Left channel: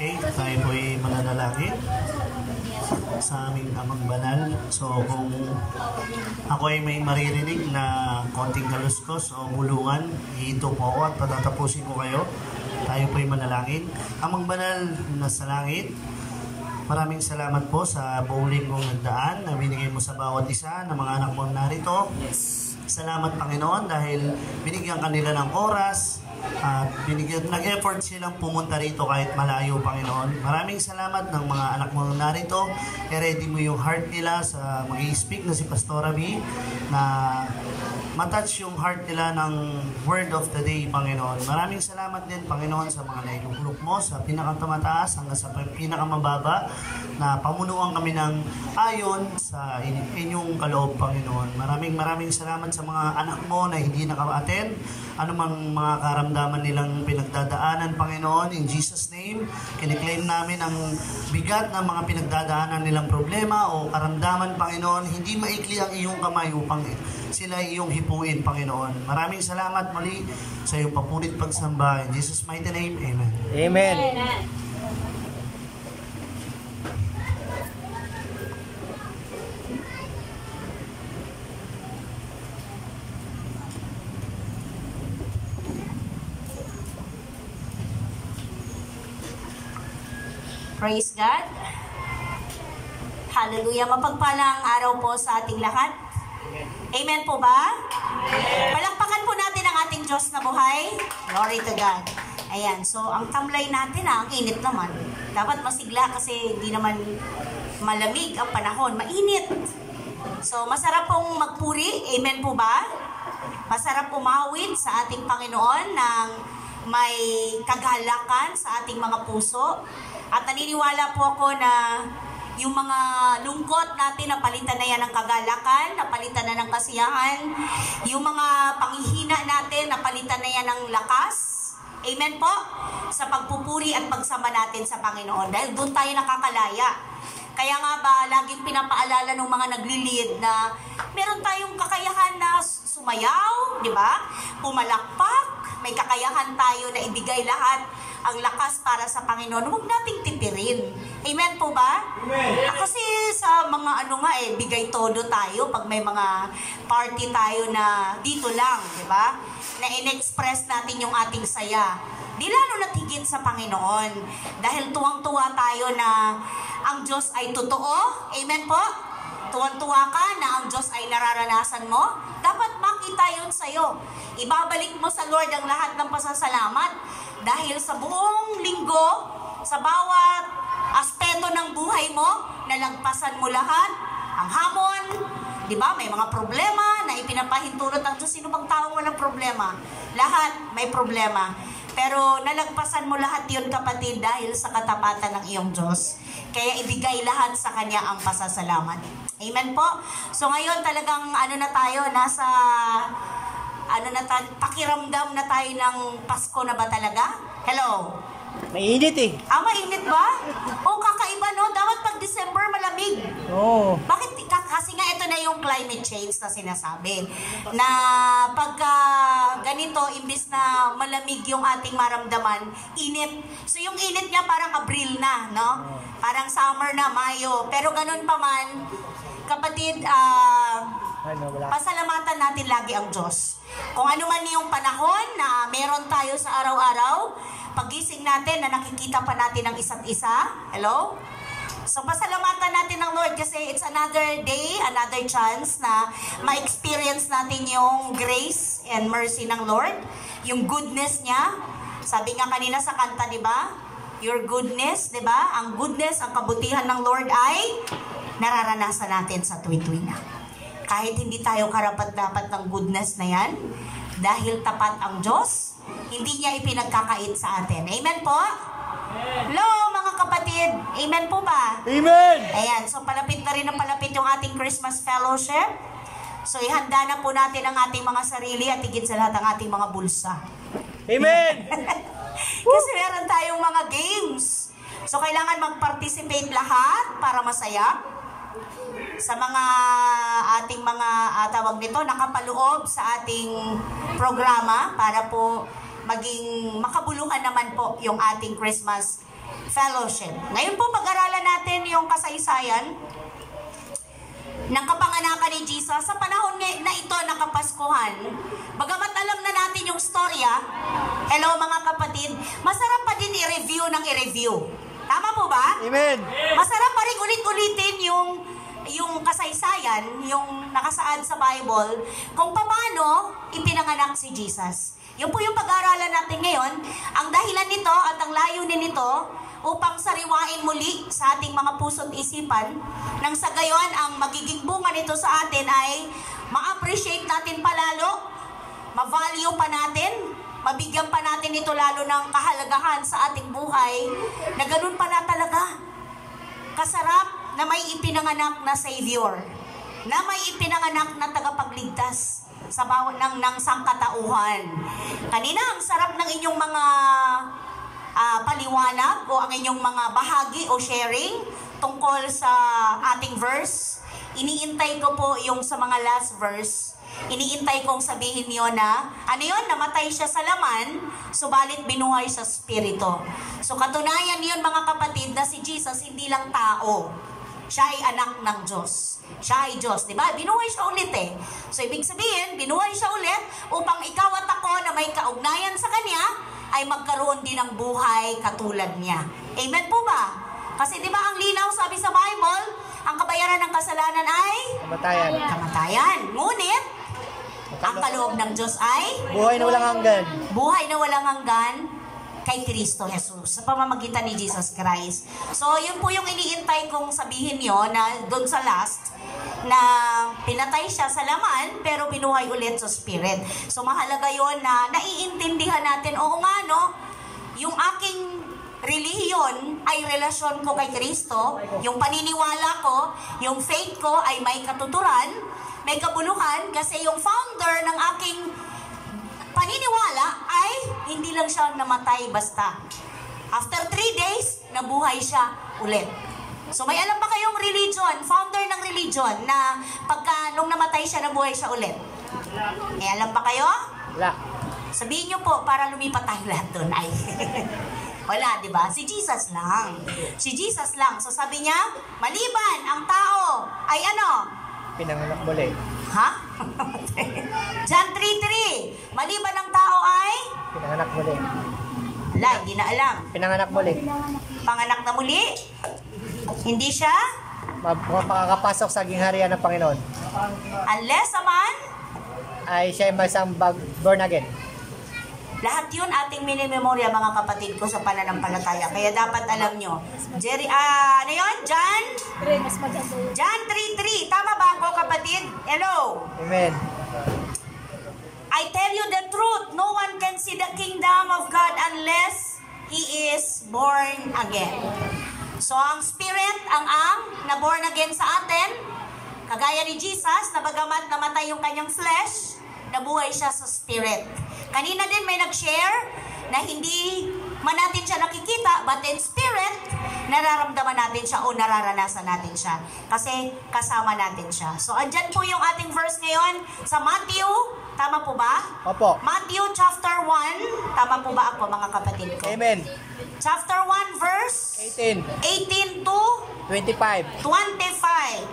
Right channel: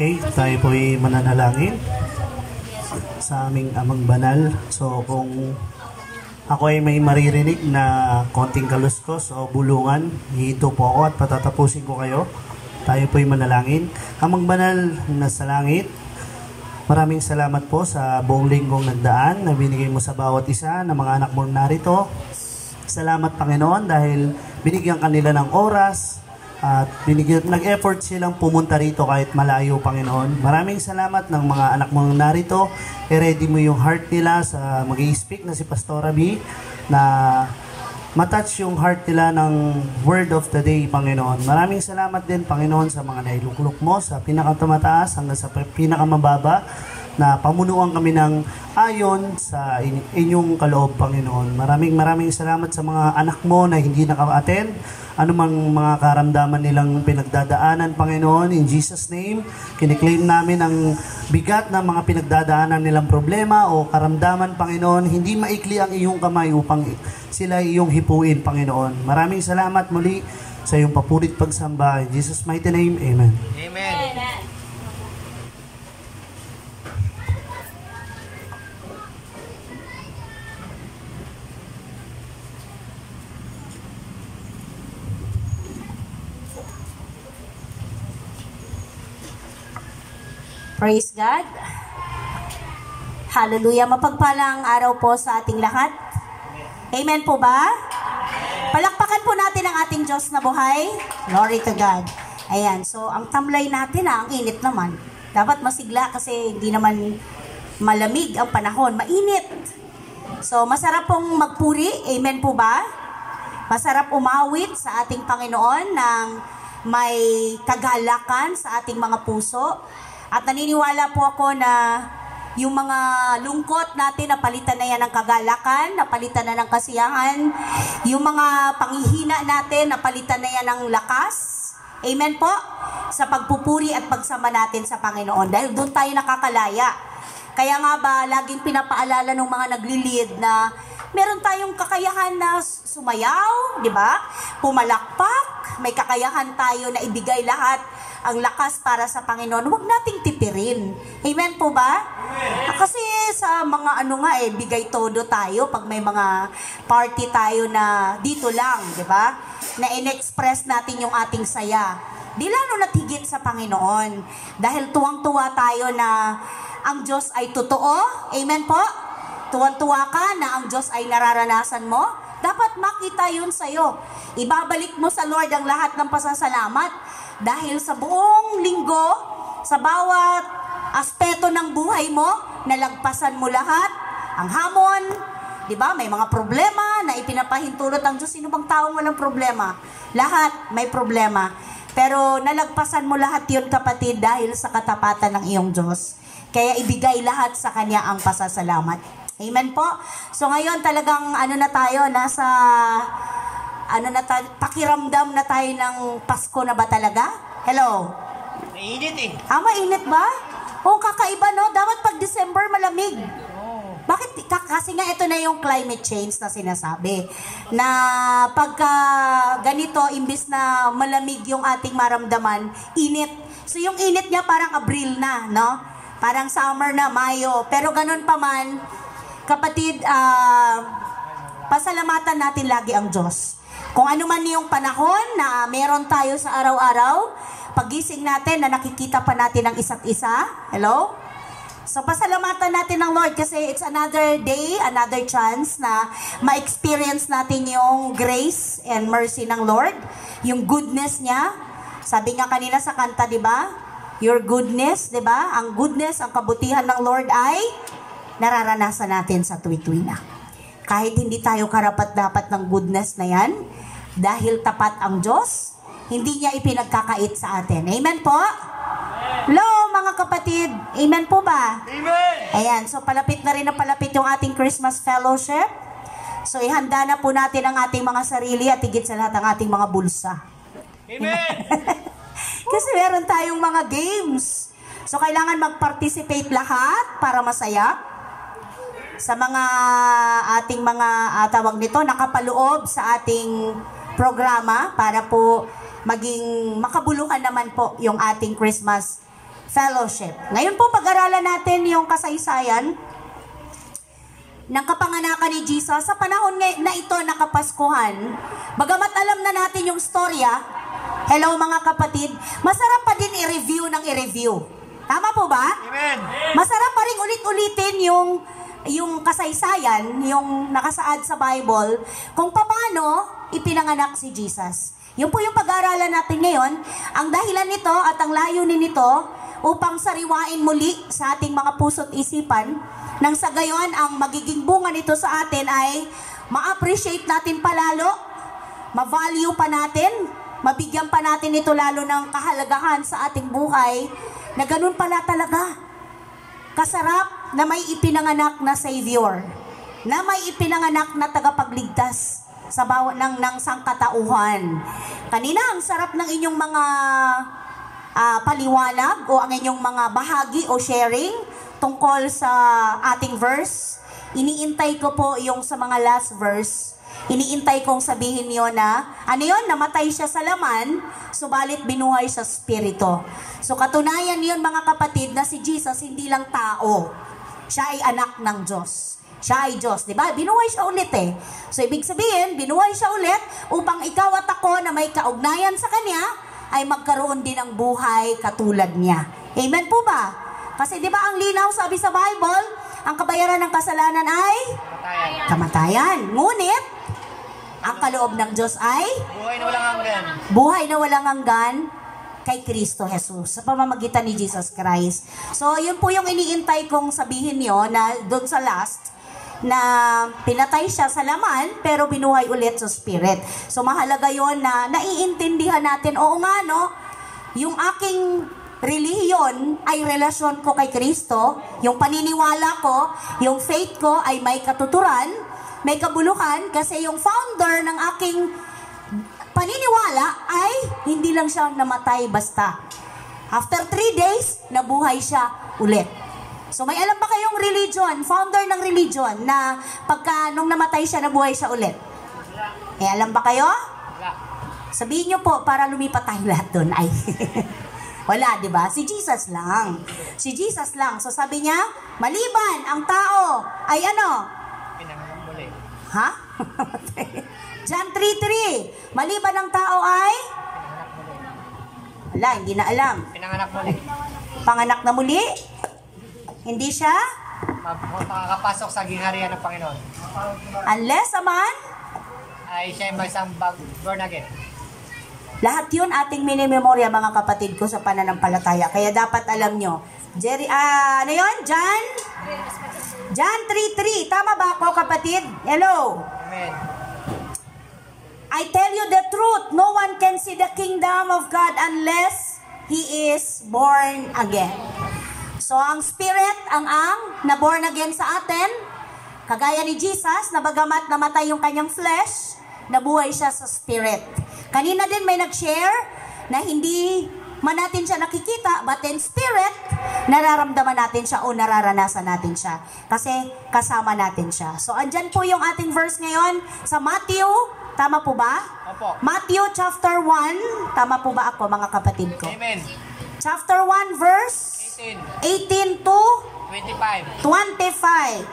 Okay, tayo po'y mananalangin sa aming Amang Banal. So kung ako ay may maririnig na konting kaluskos o bulungan, hihito po ako at patatapusin ko kayo. Tayo po'y manalangin. Amang Banal na sa langit, maraming salamat po sa buong linggong nagdaan na binigay mo sa bawat isa ng mga anak mong narito. Salamat Panginoon dahil binigyan kanila ng oras at nag-effort silang pumunta rito kahit malayo, Panginoon. Maraming salamat ng mga anak mong narito. I-ready mo yung heart nila sa mag-i-speak na si Pastora B na matouch yung heart nila ng word of the day, Panginoon. Maraming salamat din, Panginoon, sa mga nailuklok mo sa pinakatamataas hanggang sa pinakamababa na pamunuan kami ng ayon sa inyong kaloob, Panginoon. Maraming salamat sa mga anak mo na hindi naka-attend, anumang mga karamdaman nilang pinagdadaanan, Panginoon. In Jesus' name, kiniklaim namin ang bigat ng mga pinagdadaanan nilang problema o karamdaman, Panginoon. Hindi maikli ang iyong kamay upang sila iyong hipuin, Panginoon. Maraming salamat muli sa iyong papurit pagsamba. In Jesus' mighty name, Amen. Amen. Praise God. Hallelujah. Mapagpalang araw po sa ating lahat. Amen po ba? Palakpakan po natin ang ating Diyos na buhay. Glory to God. Ayan. So, ang tamlay natin ang init naman. Dapat masigla kasi hindi naman malamig ang panahon. Mainit. So, masarap pong magpuri. Amen po ba? Masarap umawit sa ating Panginoon ng may kagalakan sa ating mga puso. At naniniwala po ako na yung mga lungkot natin, napalitan na yan ng kagalakan, napalitan na ng kasiyahan. Yung mga panghihina natin, napalitan na yan ng lakas. Amen po? Sa pagpupuri at pagsama natin sa Panginoon. Dahil doon tayo nakakalaya. Kaya nga ba, laging pinapaalala ng mga nagli-lead na meron tayong kakayahan na sumayaw, di ba? Pumalakpak, may kakayahan tayo na ibigay lahat ang lakas para sa Panginoon. Huwag nating tipirin. Amen po ba? Amen. Kasi sa mga bigay todo tayo pag may mga party tayo na dito lang, di ba? Na in-express natin yung ating saya. Di lalo na't higit sa Panginoon. Dahil tuwang-tuwa tayo na ang Diyos ay totoo. Amen po? Tuwang-tuwa ka na ang Diyos ay nararanasan mo. Dapat makita yun sa'yo. Ibabalik mo sa Lord ang lahat ng pasasalamat. Dahil sa buong linggo, sa bawat aspeto ng buhay mo, nalagpasan mo lahat, ang hamon, di ba? May mga problema na ipinapahintulot ang Diyos. Sino bang taong walang problema? Lahat may problema. Pero nalagpasan mo lahat yun, kapatid, dahil sa katapatan ng iyong Diyos. Kaya ibigay lahat sa Kanya ang pasasalamat. Amen po? So ngayon talagang pakiramdam na tayo ng Pasko na ba talaga? Hello? Mainit eh. Mainit ba? Kakaiba no? Dapat pag December malamig. Oo. Bakit? Kasi nga ito na yung climate change na sinasabi. Na pagka ganito, imbis na malamig yung ating maramdaman, init. So yung init niya parang Abril na, no? Parang summer na, Mayo. Pero ganun pa man, kapatid, pasalamatan natin lagi ang Diyos. Kung ano man yung panahon na meron tayo sa araw-araw, pagising natin na nakikita pa natin ang isa't isa. Hello? So pasalamatan natin ng Lord kasi it's another day, another chance na ma-experience natin yung grace and mercy ng Lord, yung goodness niya. Sabi nga kanina sa kanta, di ba? Your goodness, di ba? Ang goodness, ang kabutihan ng Lord ay nararanasan natin sa tuwi-tuwi na. Kahit hindi tayo karapat-dapat ng goodness na yan, dahil tapat ang Diyos, hindi niya ipinagkakait sa atin. Amen po? Hello mga kapatid, amen po ba? Amen! Ayan, so palapit na rin yung ating Christmas fellowship. So ihanda na po natin ang ating mga sarili at higit sa lahat ang ating mga bulsa. Amen! Kasi meron tayong mga games. So kailangan mag-participate lahat para masaya. Sa mga ating mga tawag nito, nakapaloob sa ating programa para po maging makabuluhan naman po yung ating Christmas fellowship. Ngayon po pag-aralan natin yung kasaysayan ng kapanganakan ni Jesus sa panahon na ito na Kapaskuhan. Bagamat alam na natin yung storya, hello mga kapatid, masarap pa din i-review ng i-review. Tama po ba? Amen. Masarap pa rin ulit-ulitin yung kasaysayan, yung nakasaad sa Bible, kung paano ipinanganak si Jesus. Yun po yung pag-aaralan natin ngayon. Ang dahilan nito at ang layunin nito upang sariwain muli sa ating mga puso't isipan, nang sa gayon ang magiging bunga nito sa atin ay ma-appreciate natin palalo, ma-value pa natin, mabigyan pa natin ito lalo ng kahalagahan sa ating buhay, na ganun pala talaga kasarap na may ipinanganak na Savior, na may ipinanganak na tagapagligtas sa bawat ng sangkatauhan. Kanina ang sarap ng inyong mga paliwanag o ang inyong mga bahagi o sharing tungkol sa ating verse. Iniintay ko po yung sa mga last verse. Iniintay kong sabihin niyo na, ano yun? Namatay siya sa laman, subalit binuhay sa spirito. So katunayan yun mga kapatid na si Jesus hindi lang tao. Siya ay anak ng Diyos. Siya ay Diyos, di ba? Binuhay siya ulit eh. So ibig sabihin, binuhay siya ulit upang ikaw at ako na may kaugnayan sa Kanya ay magkaroon din ng buhay katulad niya. Amen po ba? Kasi di ba ang linaw sabi sa Bible, ang kabayaran ng kasalanan ay kamatayan. Ngunit, ang kaloob ng Diyos ay Buhay na walang hanggan. buhay na walang hanggan kay Kristo Jesus sa pamamagitan ni Jesus Christ. So, yun po yung iniintay kong sabihin nyo na doon sa last, na pinatay siya sa laman pero binuhay ulit sa spirit. So, mahalaga yun na naiintindihan natin, oo nga no, yung aking relihiyon ay relasyon ko kay Kristo, yung paniniwala ko, yung faith ko ay may katuturan, may kabuluhan, kasi yung founder ng aking paniniwala ay hindi lang siya namatay basta. After 3 days, nabuhay siya ulit. So may alam ba kayong religion, founder ng religion, na pagka nung namatay siya, nabuhay siya ulit? May alam ba kayo? Wala. Sabihin niyo po para lumipat tayo lahat doon. Ay, wala, di ba? Si Jesus lang. Si Jesus lang. So sabi niya, maliban ang tao ay ano? Pinanganak muli. Ha? John 3:3. Maliban ang tao ay? Pinanganak muli. Wala, hindi na alam. Pinanganak muli. Panganak na muli? Hindi siya? Makakapasok sa gingharian ng Panginoon. Unless naman, Ay siya ay masang born again. lahat yun ating minimemorya mga kapatid ko sa pananampalataya. Kaya dapat alam nyo. Ano yun? John 3:3. Tama ba ako kapatid? Hello? Amen. I tell you the truth. No one can see the kingdom of God unless he is born again. So ang spirit, ang na born again sa atin, kagaya ni Jesus, na bagamat namatay yung kanyang flesh, nabuhay siya sa spirit. Kanina din may nag-share na hindi man natin siya nakikita, but in spirit, nararamdaman natin siya o nararanasan natin siya. Kasi kasama natin siya. So, andyan po yung ating verse ngayon sa Matthew. Tama po ba? Opo. Matthew chapter 1. Tama po ba ako mga kapatid ko? Amen. Chapter 1 verse 18 to 25. 25.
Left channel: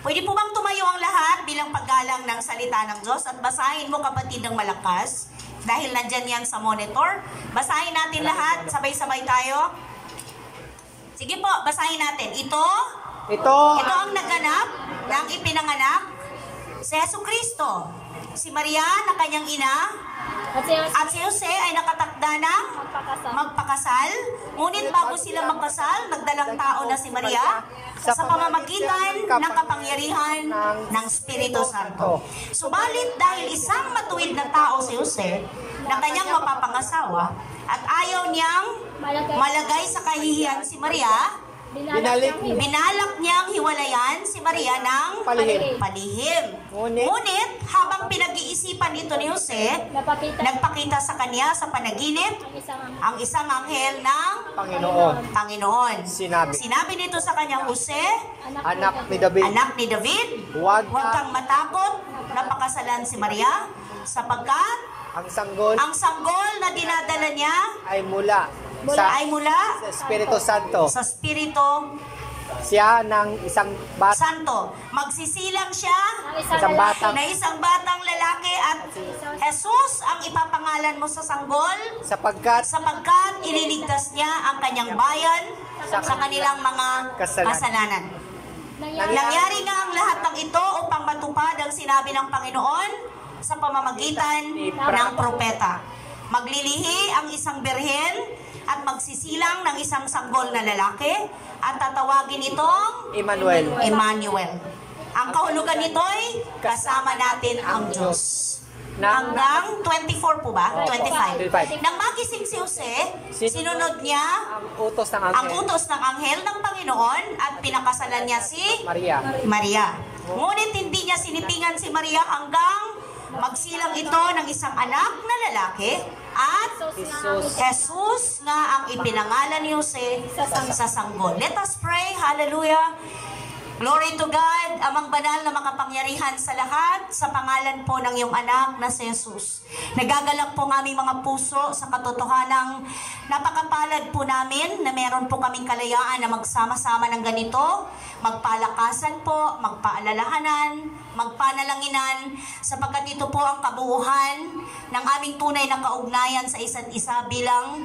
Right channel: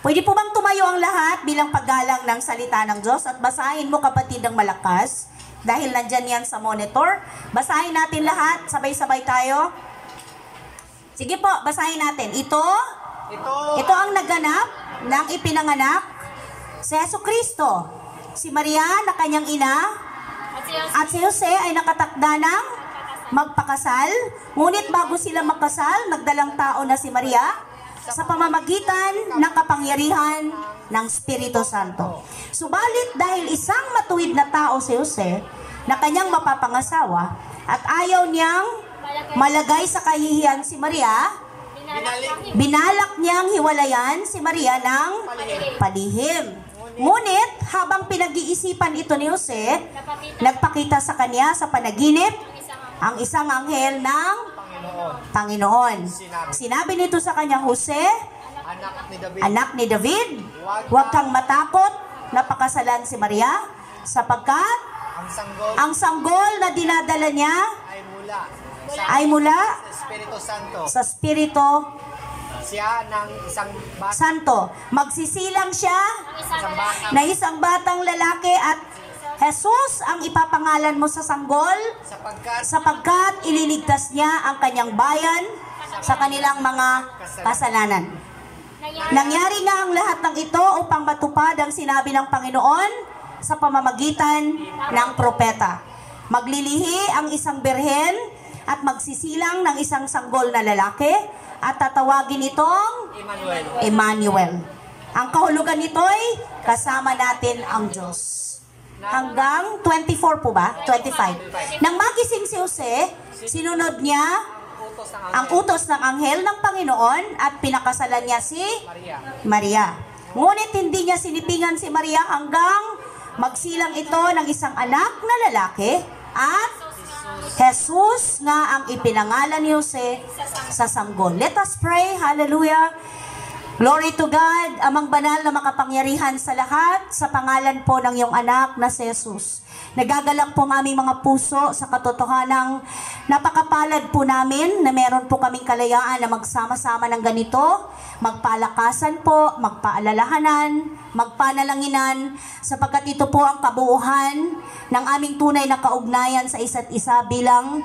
Pwede po bang tumayo ang lahat bilang paggalang ng salita ng Diyos at basahin mo kapatid ng malakas dahil nandyan yan sa monitor. Basahin natin lahat, sabay-sabay tayo. Sige po, basahin natin. Ito ang naganap ng ipinanganak si Jesucristo. Si Maria na kanyang ina at si Jose ay nakatakda ng magpakasal. Ngunit bago sila magkasal, nagdalang tao na si Maria sa pamamagitan ng kapangyarihan ng Espiritu Santo. Subalit dahil isang matuwid na tao si Jose na kanyang mapapangasawa at ayaw niyang malagay sa kahihiyan si Maria, binalak niyang hiwalayan si Maria ng palihim. Ngunit habang pinag-iisipan ito ni Jose, nagpakita sa kanya sa panaginip ang isang anghel ng Panginoon. Sinabi nito sa kanya, Jose, anak ni David, huwag kang matakot na pakasalan si Maria, sapagkat ang sanggol na dinadala niya ay mula Espiritu Santo. sa Espiritu Siya ng isang bata. Santo. Magsisilang siya Isang batang na isang batang lalaki at Jesus ang ipapangalan mo sa sanggol sapagkat ililigtas niya ang kanyang bayan sa kanilang mga kasalanan. Nangyari nga ang lahat ng ito upang matupad ang sinabi ng Panginoon sa pamamagitan ng propeta. Maglilihi ang isang birhen at magsisilang ng isang sanggol na lalaki at tatawagin itong Emmanuel. Ang kahulugan nito'y kasama natin ang Diyos. Hanggang 24 po ba? 25. Nang magising si Jose, sinunod niya ang utos ng anghel ng Panginoon at pinakasalan niya si Maria. Ngunit hindi niya sinipingan si Maria hanggang magsilang ito ng isang anak na lalaki at Jesus nga ang ipinangalan ni Jose sa sanggol. Let us pray. Hallelujah. Glory to God, Amang banal na makapangyarihan sa lahat, sa pangalan po ng iyong anak na si Jesus. Nagagalak po ang aming mga puso sa katotohanang napakapalad po namin na meron po kaming kalayaan na magsama-sama ng ganito, magpalakasan po, magpaalalahanan, magpanalanginan, sapagkat ito po ang kabuuhan ng aming tunay na kaugnayan sa isa't isa bilang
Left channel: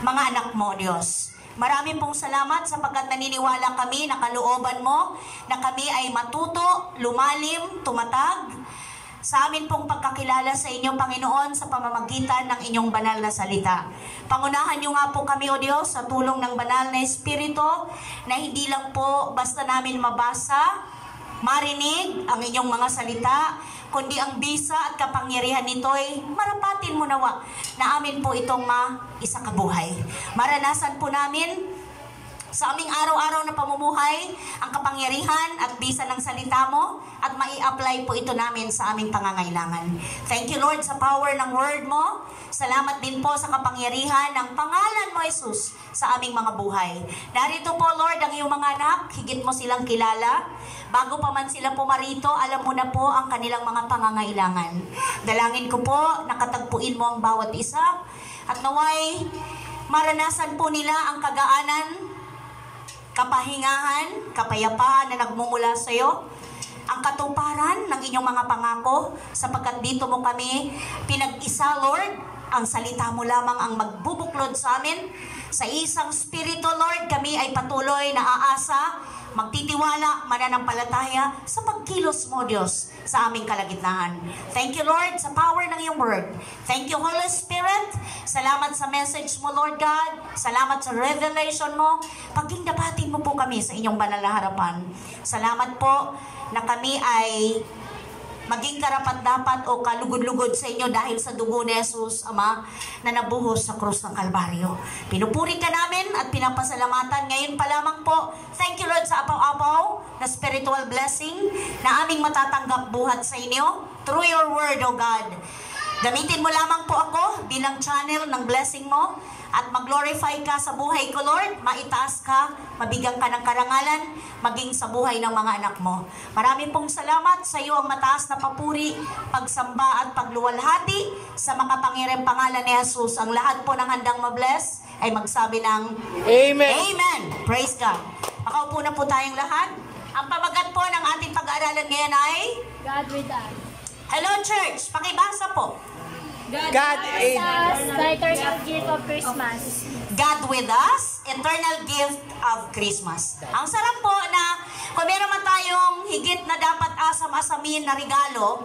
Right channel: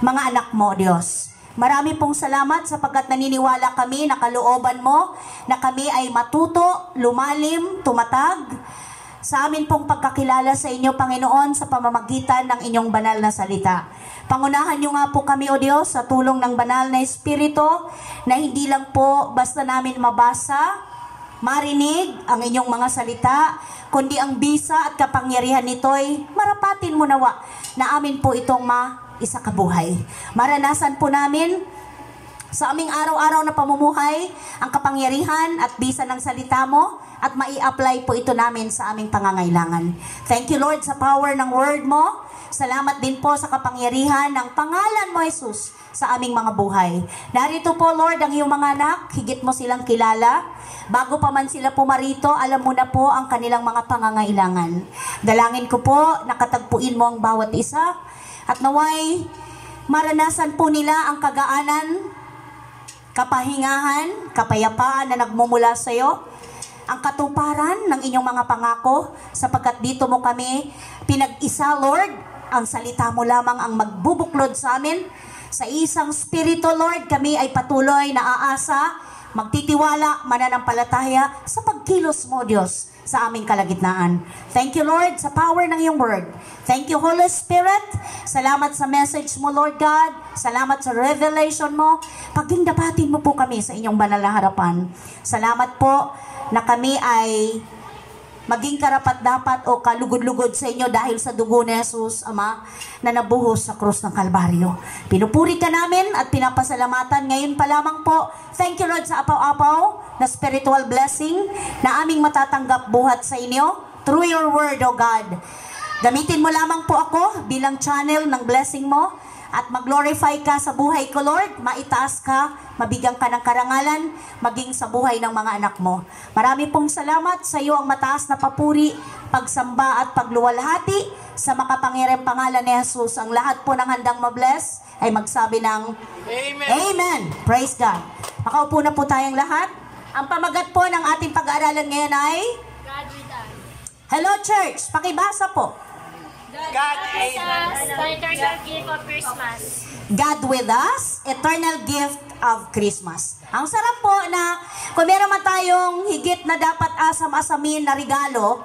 mga anak mo, Diyos. Marami pong salamat sapagkat naniniwala kami na kalooban mo na kami ay matuto, lumalim, tumatag sa amin pong pagkakilala sa inyo, Panginoon, sa pamamagitan ng inyong banal na salita. Pangunahan niyo nga po kami, O Diyos, sa tulong ng banal na Espiritu na hindi lang po basta namin mabasa, marinig ang inyong mga salita, kundi ang bisa at kapangyarihan nito'y marapatin mo nawa na amin po itong maisakabuhay. Maranasan po namin sa aming araw-araw na pamumuhay ang kapangyarihan at bisa ng salita mo at mai-apply po ito namin sa aming pangangailangan. Thank you, Lord, sa power ng word mo. Salamat din po sa kapangyarihan ng pangalan mo, Jesus, sa aming mga buhay. Narito po, Lord, ang iyong mga anak, higit mo silang kilala. Bago pa man sila pumarito, alam mo na po ang kanilang mga pangangailangan. Dalangin ko po, nakatagpuin mo ang bawat isa, at naway maranasan po nila ang kagaanan, kapahingahan, kapayapaan na nagmumula sa iyo, ang katuparan ng inyong mga pangako, sapagkat dito mo kami pinag-isa, Lord. Ang salita mo lamang ang magbubuklod sa amin. Sa isang spirito, Lord, kami ay patuloy na aasa, magtitiwala, mananampalataya sa pagkilos mo, Diyos, sa aming kalagitnaan. Thank you, Lord, sa power ng iyong word. Thank you, Holy Spirit. Salamat sa message mo, Lord God. Salamat sa revelation mo. Pagdingdapatin mo po kami sa inyong banal na harapan. Salamat po na kami ay maging karapat-dapat o kalugod-lugod sa inyo dahil sa dugo ni Jesus, Ama, na nabuhos sa krus ng Kalbaryo. Pinupuri ka namin at pinapasalamatan ngayon pa lamang po. Thank you, Lord, sa apaw-apaw na spiritual blessing na aming matatanggap buhat sa inyo through your word, O God. Gamitin mo lamang po ako bilang channel ng blessing mo at mag-glorify ka sa buhay ko, Lord. Maitaas ka, mabigyan ka ng karangalan, maging sa buhay ng mga anak mo. Marami pong salamat sa iyo ang mataas na papuri, pagsamba at pagluwalhati sa makapangyarihang pangalan ni Jesus. Ang lahat po ng handang mabless ay magsabi ng Amen. Amen. Praise God. Makaupo na po tayong lahat. Ang pamagat po ng ating pag-aaralan ngayon ay God with us. Hello, church. Pakibasa po. God is the eternal gift of Christmas. God with us, eternal gift of Christmas. Ang sarap po na kung meron man tayong higit na dapat asam-asamin na regalo,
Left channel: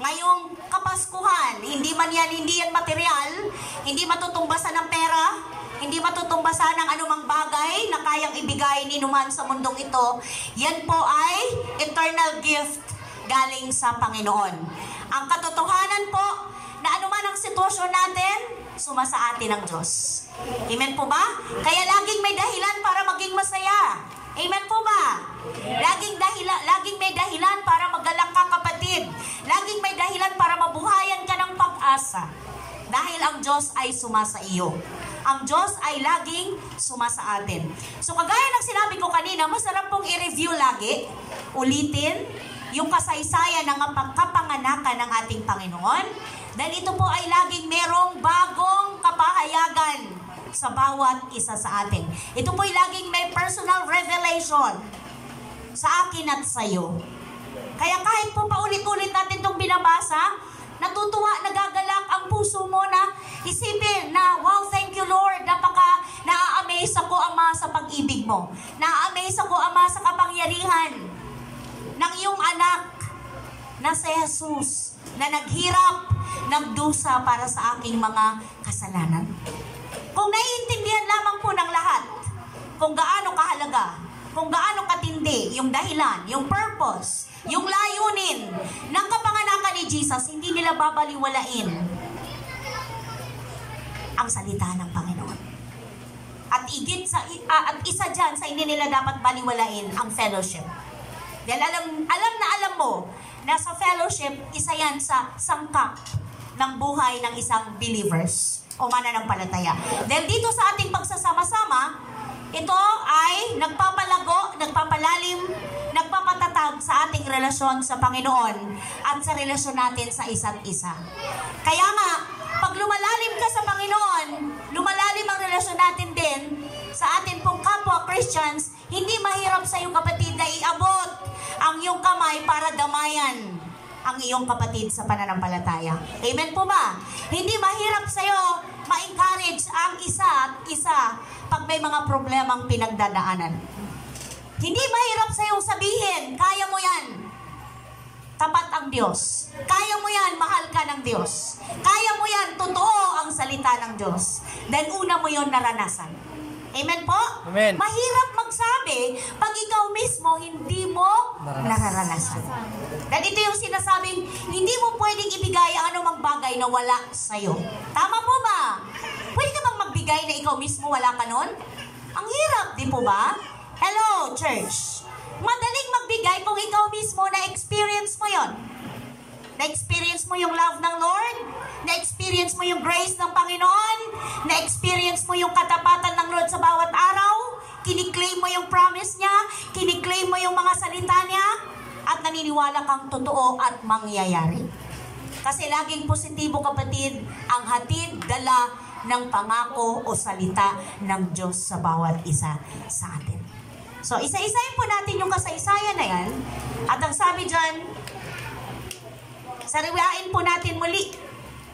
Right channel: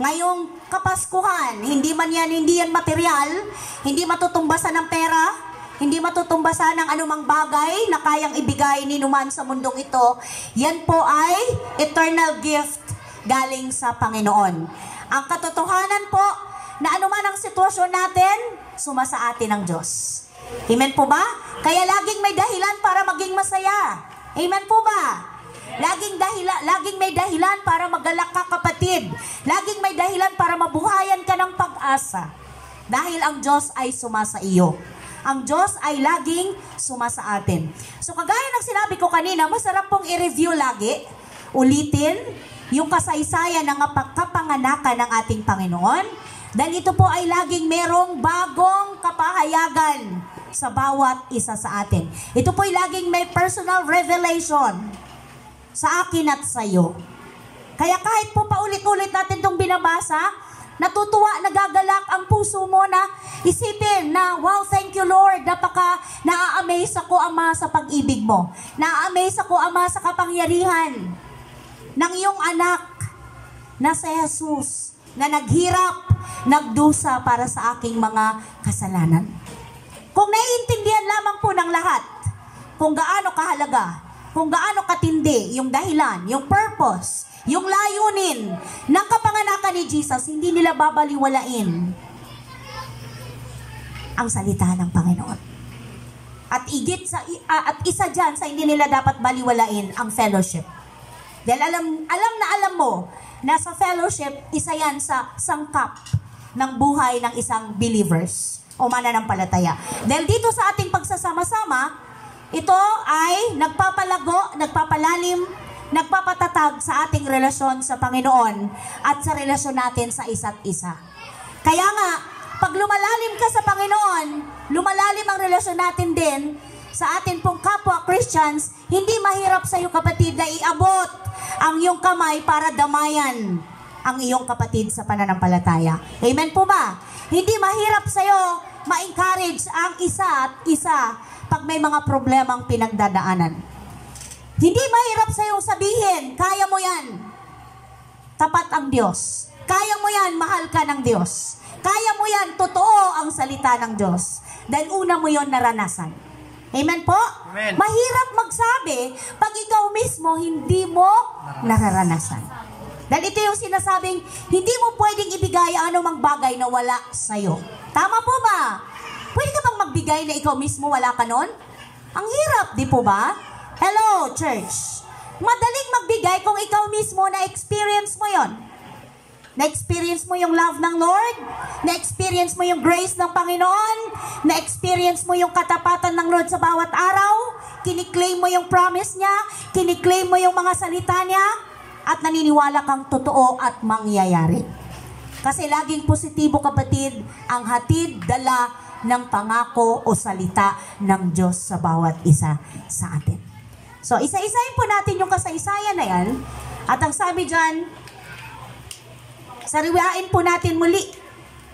ngayong Kapaskuhan, hindi yan material, hindi matutumbasan ng pera, hindi matutumbasan ng anumang bagay na kayang ibigay ni numan sa mundong ito. Yan po ay eternal gift galing sa Panginoon. Ang katotohanan po, na anuman ang sitwasyon natin, sumasa atin ang Diyos. Amen po ba? Kaya laging may dahilan para maging masaya. Amen po ba? Laging may dahilan para magalak ka, kapatid. Laging may dahilan para mabuhayan ka ng pag-asa. Dahil ang Diyos ay sumasa iyo. Ang Diyos ay laging sumasa atin. So kagaya ng sinabi ko kanina, masarap pong i-review lagi, ulitin, yung kasaysayan ng kapanganakan ng ating Panginoon. Dahil ito po ay laging merong bagong kapahayagan sa bawat isa sa atin. Ito po'y laging may personal revelation sa akin at sa iyo. Kaya kahit po paulit-ulit natin itong binabasa, natutuwa, nagagalak ang puso mo na isipin na, wow, thank you Lord, na-amaze ako, Ama, sa pag-ibig mo. Na-amaze ako, Ama, sa kapangyarihan ng iyong anak na si Jesus, na naghirap, nagdusa para sa aking mga kasalanan. Kung naiintindihan lamang po ng lahat, kung gaano kahalaga, kung gaano katindi yung dahilan, yung purpose, yung layunin ng kapanganakan ni Jesus, hindi nila babaliwalain ang salita ng Panginoon. At isa dyan sa hindi nila dapat baliwalain ang fellowship. Dahil alam mo na sa fellowship, isa yan sa sangkap ng buhay ng isang believers o mananampalataya. Dahil dito sa ating pagsasama-sama, ito ay nagpapalago, nagpapalalim, nagpapatatag sa ating relasyon sa Panginoon at sa relasyon natin sa isa't isa. Kaya nga, pag lumalalim ka sa Panginoon, lumalalim ang relasyon natin din sa atin pong kapwa Christians, hindi mahirap sa iyo kapatid na iabot ang iyong kamay para damayan ang iyong kapatid sa pananampalataya. Amen po ba? Hindi mahirap sa iyo ma-encourage ang isa at isa pag may mga problemang pinagdadaanan. Hindi mahirap sa iyong sabihin, kaya mo yan. Tapat ang Diyos. Kaya mo yan, mahal ka ng Diyos. Kaya mo yan, totoo ang salita ng Diyos. Dahil una mo yon naranasan. Amen po? Amen. Mahirap magsabi pag ikaw mismo hindi mo nararanasan. Dahil ito yung sinasabing, hindi mo pwedeng ibigay anumang bagay na wala sa'yo. Tama po ba? Pwede ka bang magbigay na ikaw mismo wala ka nun? Ang hirap, di po ba? Hello, church. Madaling magbigay kung ikaw mismo na-experience mo yon. Na-experience mo yung love ng Lord, na-experience mo yung grace ng Panginoon, na-experience mo yung katapatan ng Lord sa bawat araw, kiniklaim mo yung promise niya, kiniklaim mo yung mga salita niya, at naniniwala kang totoo at mangyayari. Kasi laging positibo kapatid ang hatid, dala ng pangako o salita ng Diyos sa bawat isa sa atin. So, isa-isayin po natin yung kasaysayan na yan. At ang sabi dyan, sariwain po natin muli.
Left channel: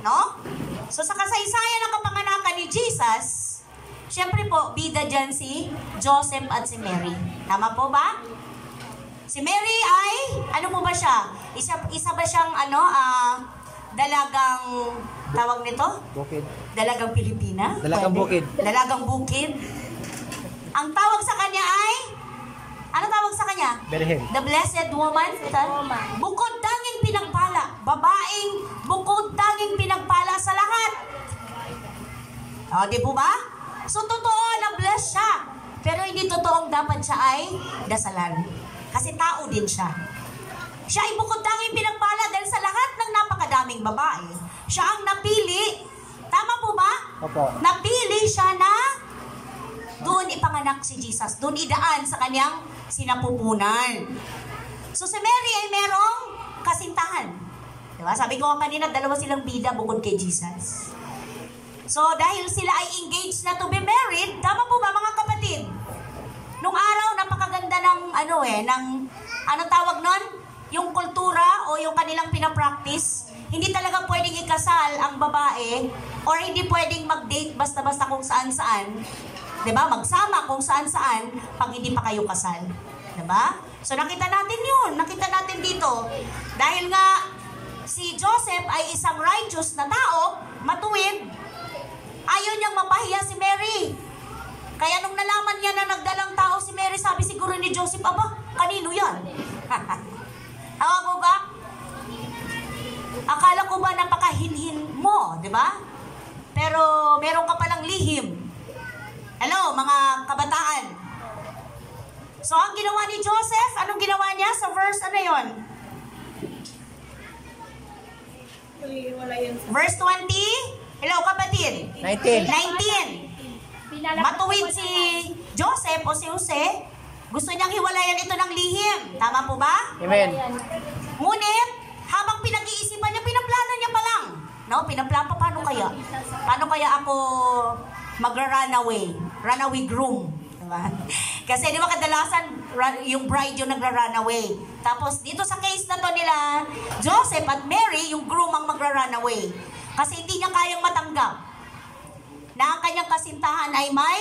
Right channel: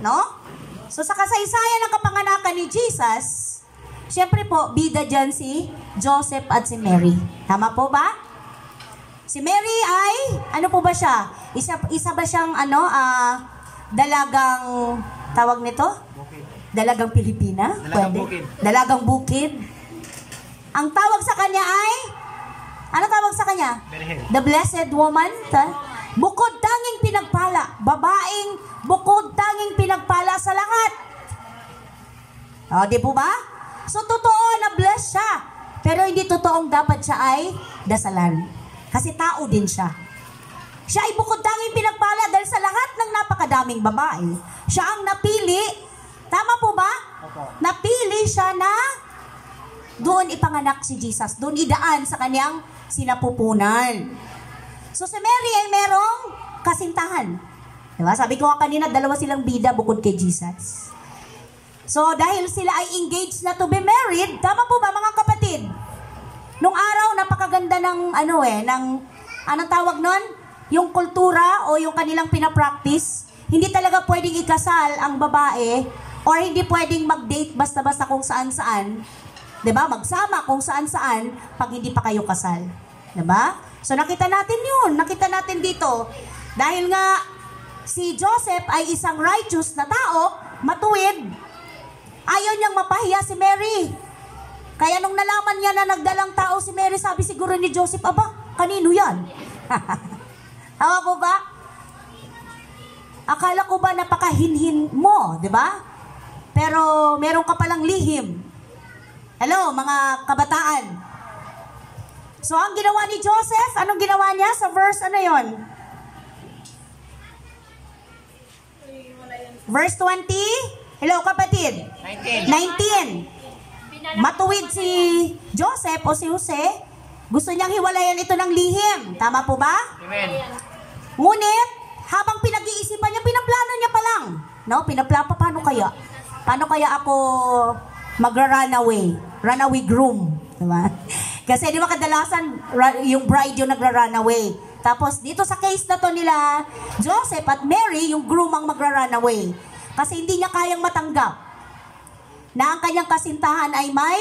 No? So, sa kasaysayan ng kapanganakan ni Jesus, syempre po, bida dyan si Joseph at si Mary. Tama po ba? Si Mary ay, ano po ba siya? Isa ba siyang, dalagang, tawag nito? Bukid. Dalagang Pilipina? Dalagang bukid. Dalagang bukid. Ang tawag sa kanya ay, ano tawag sa kanya? Birhen. The Blessed Woman. Bukod tanging pinagpala. Babaeng bukod tanging pinagpala sa lahat. O, di po ba? So, totoo na bless siya. Pero hindi totoong dapat siya ay dasalan. Kasi tao din siya. Siya ay bukod tanging pinagpala dahil sa lahat ng napakadaming babae. Siya ang napili. Tama po ba? Opo. Napili siya na doon ipanganak si Jesus. Doon idaan sa kanyang sinapupunan. So si Mary ay merong kasintahan. Diba? Sabi ko nga kanina, dalawa silang bida bukod kay Jesus. So dahil sila ay engaged na to be married, tama po ba mga kapatid? Nung araw, napakaganda ng anong tawag nun? Yung kultura o yung kanilang pinapractice. Hindi talaga pwedeng ikasal ang babae or hindi pwedeng mag-date basta-basta kung saan-saan. Diba? Magsama kung saan-saan pag hindi pa kayo kasal. Diba? So nakita natin yun. Nakita natin dito. Dahil nga si Joseph ay isang righteous na tao, matuwid, ayaw niyang mapahiya si Mary. Kaya nung nalaman niya na nagdalang tao si Mary, sabi siguro ni Joseph, aba, kanino yan? Tawa ko ba? Akala ko ba napakahinhin mo, di ba? Pero meron ka palang lihim. Hello, mga kabataan. So, ang ginawa ni Joseph, anong ginawa niya sa verse, ano yon? Verse 20? Hello, kapatid? 19. Matuwid si Joseph o si Jose, gusto niyang hiwalayan ito ng lihim. Tama po ba? Amen. Ngunit, habang pinag-iisipan niya, pinaplano niya pa lang. No? Paano kaya? Paano kaya ako magra-runaway. Runaway groom. Diba? Kasi di ba kadalasan yung bride yung nagra-runaway. Tapos dito sa case na to nila Joseph at Mary, yung groom ang magra-runaway. Kasi hindi niya kayang matanggap na ang kanyang kasintahan ay may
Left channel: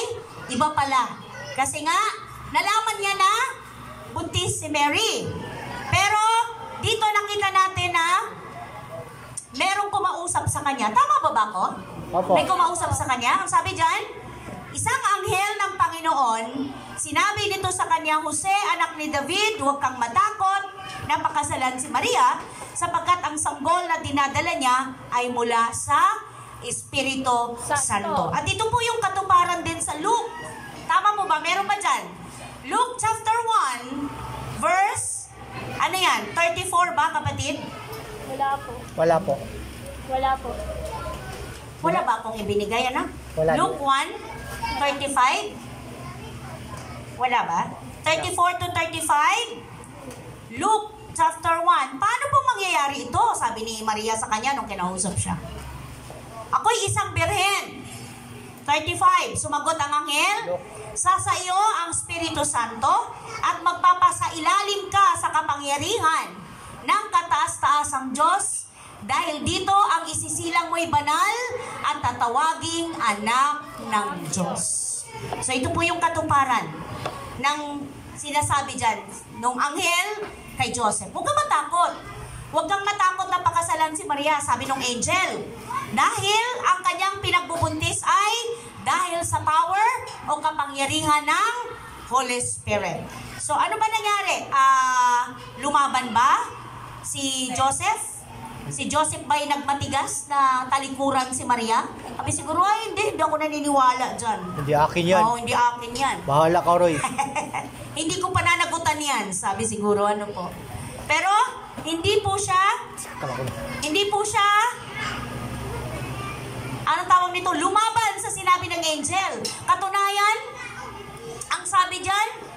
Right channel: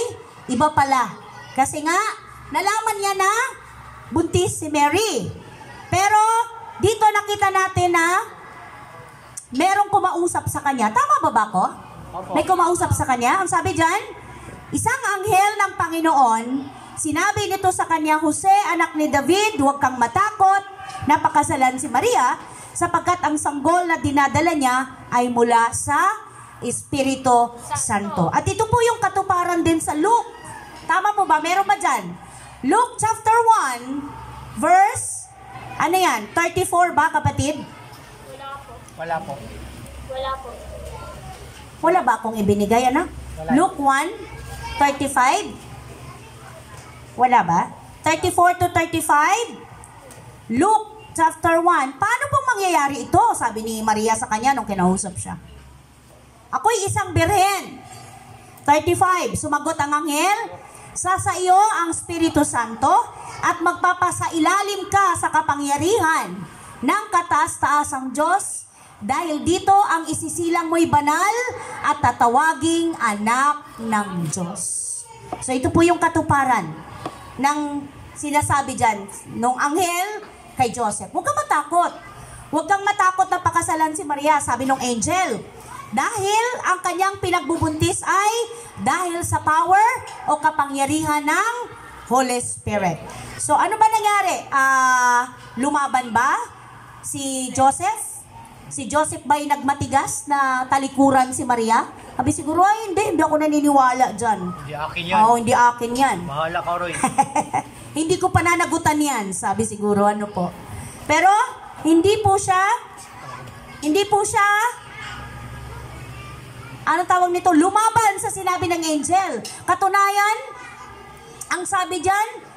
iba pala. Kasi nga, nalaman niya na buntis si Mary. Pero dito nakita natin na merong kumausap sa kanya. Tama ba ba ko? Opo. May kumausap sa kanya. Ang sabi dyan, isang anghel ng Panginoon, sinabi nito sa kanya, Jose, anak ni David, huwag kang matakot, napakasalan si Maria, sapagkat ang sanggol na dinadala niya ay mula sa Espiritu Santo. At ito po yung katuparan din sa Luke. Tama po ba? Meron ba dyan? Luke chapter 1, verse, ano yan? 34 ba, kapatid? Wala po. Wala po. Wala po. Wala ba akong ibinigay, ano? Wala. Luke 1:35? Wala ba? 34 to 35? Luke chapter 1. Paano po mangyayari ito? Sabi ni Maria sa kanya nung kinausap siya. Ako'y isang birhen. 35. Sumagot ang anghel, sa iyo ang Espiritu Santo at magpapasailalim ka sa kapangyarihan ng kataas-taasang Diyos. Dahil dito ang isisilang mo'y banal at tatawaging anak ng Diyos. So ito po yung katuparan ng sinasabi dyan nung anghel kay Joseph. Huwag kang matakot. Huwag kang matakot na pakasalan si Maria, sabi nung angel. Dahil ang kanyang pinagbubuntis ay dahil sa power o kapangyarihan ng Holy Spirit. So ano ba nangyari? Lumaban ba si Joseph? Si Joseph ba'y nagmatigas na talikuran si Maria? Sabi siguro, ay hindi ako naniniwala dyan. Hindi akin yan. Oo, hindi akin yan. Bahala ka, Roy. Hindi ko pananagutan yan, sabi siguro, ano po. Pero, hindi po siya, anong tawag nito? Lumaban sa sinabi ng angel. Katunayan, ang sabi dyan,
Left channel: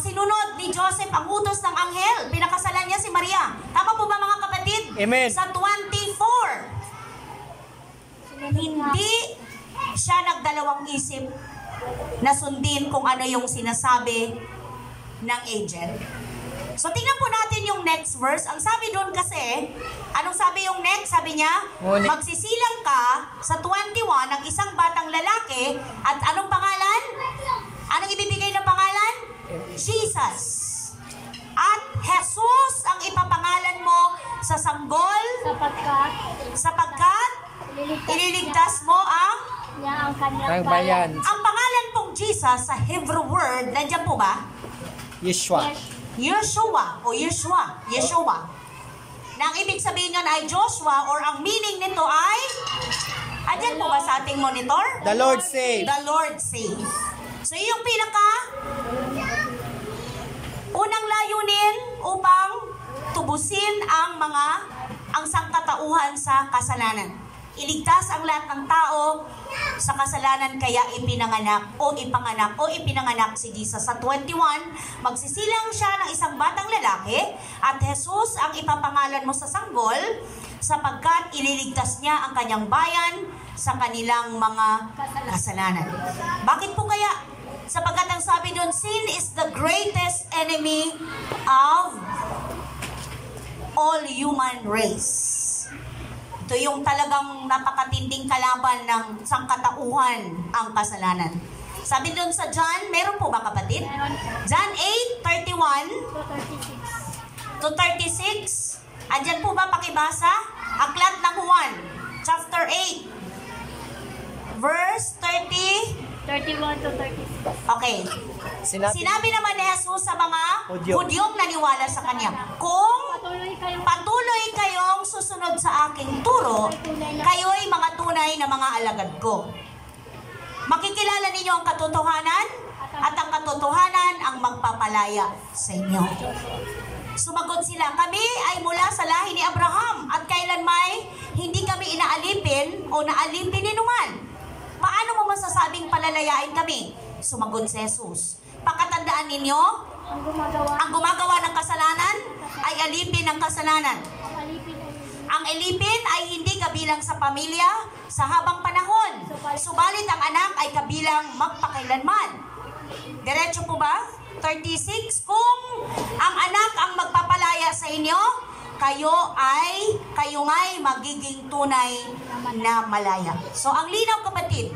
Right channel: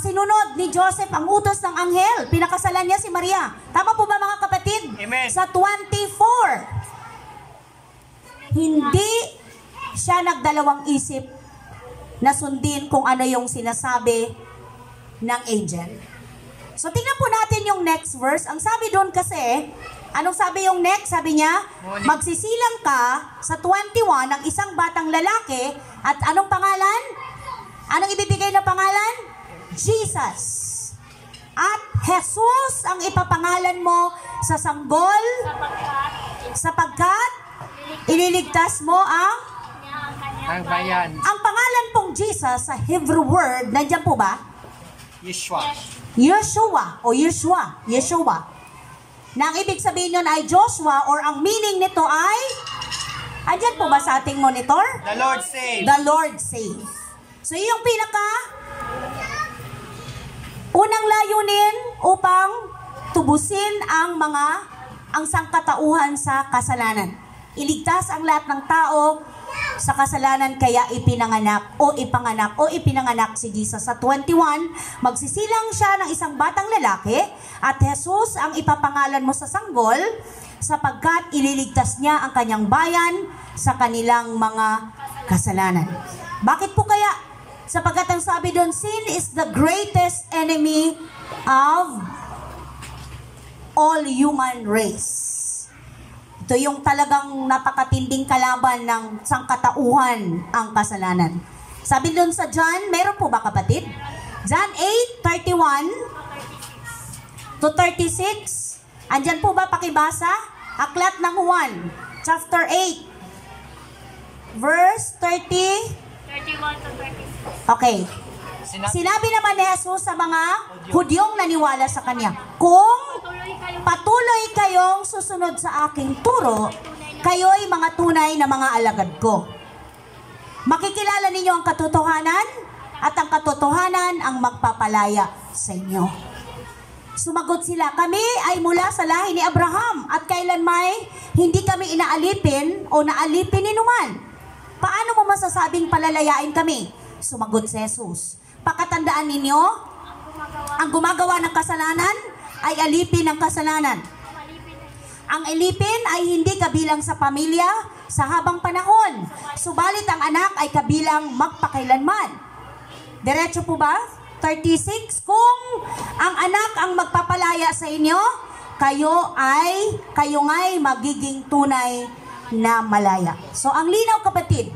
sinunod ni Joseph ang utos ng anghel. Pinakasalan niya si Maria. Tama po ba mga kapatid? Amen. Sa 24, hindi siya nagdalawang isip na sundin kung ano yung sinasabi ng angel. So tingnan po natin yung next verse. Ang sabi doon kasi, anong sabi yung next? Sabi niya, magsisilang ka sa 21 ng isang batang lalaki at anong pangalan? Anong ibibigay na pangalan? Jesus. At Jesus ang ipapangalan mo sa sanggol sapagkat ililigtas mo ang kanyang Ang bayan. ang pangalan pong Jesus sa Hebrew word, nandiyan po ba? Yeshua. Yeshua o Yeshua. Yeshua. Na ang ibig sabihin nun ay Joshua or ang meaning nito ay, andyan po ba sa ating monitor? The Lord saves. The Lord saves. So yung pinaka unang layunin upang tubusin ang sangkatauhan sa kasalanan. Iligtas ang lahat ng tao sa kasalanan kaya ipinanganak si Jesus. Sa 21, magsisilang siya ng isang batang lalaki at Jesus ang ipapangalan mo sa sanggol sapagkat ililigtas niya ang kanyang bayan sa kanilang mga kasalanan. Bakit po kaya? Sapagkat ang sabi doon, sin is the greatest enemy of all human race. Ito yung talagang napakatinding kalaban ng sangkatauhan ang kasalanan. Sabi doon sa John, meron po ba kapatid? John 8:31 to 36. Andyan po ba pakibasa? Aklat ng Juan, chapter 8, verse 31 to 36. Okay. Sinabi naman ni Jesus sa mga Hudyong naniwala sa Kanya, kung patuloy kayong susunod sa aking turo, kayo'y mga tunay na mga alagad ko. Makikilala ninyo ang katotohanan at ang katotohanan ang magpapalaya sa inyo. Sumagot sila, kami ay mula sa lahi ni Abraham at kailanmay hindi kami inaalipin o naalipin ni numan. Paano mo masasabing palalayain kami? Sumagot si Jesus, pakatandaan ninyo, ang gumagawa ng kasalanan ay alipin ng kasalanan. Ang alipin ay hindi kabilang sa pamilya sa habang panahon. Subalit ang anak ay kabilang magpakailanman. Diretso po ba? 36, kung ang anak ang magpapalaya sa inyo, kayo nga'y magiging tunay na malaya. So ang linaw kapatid,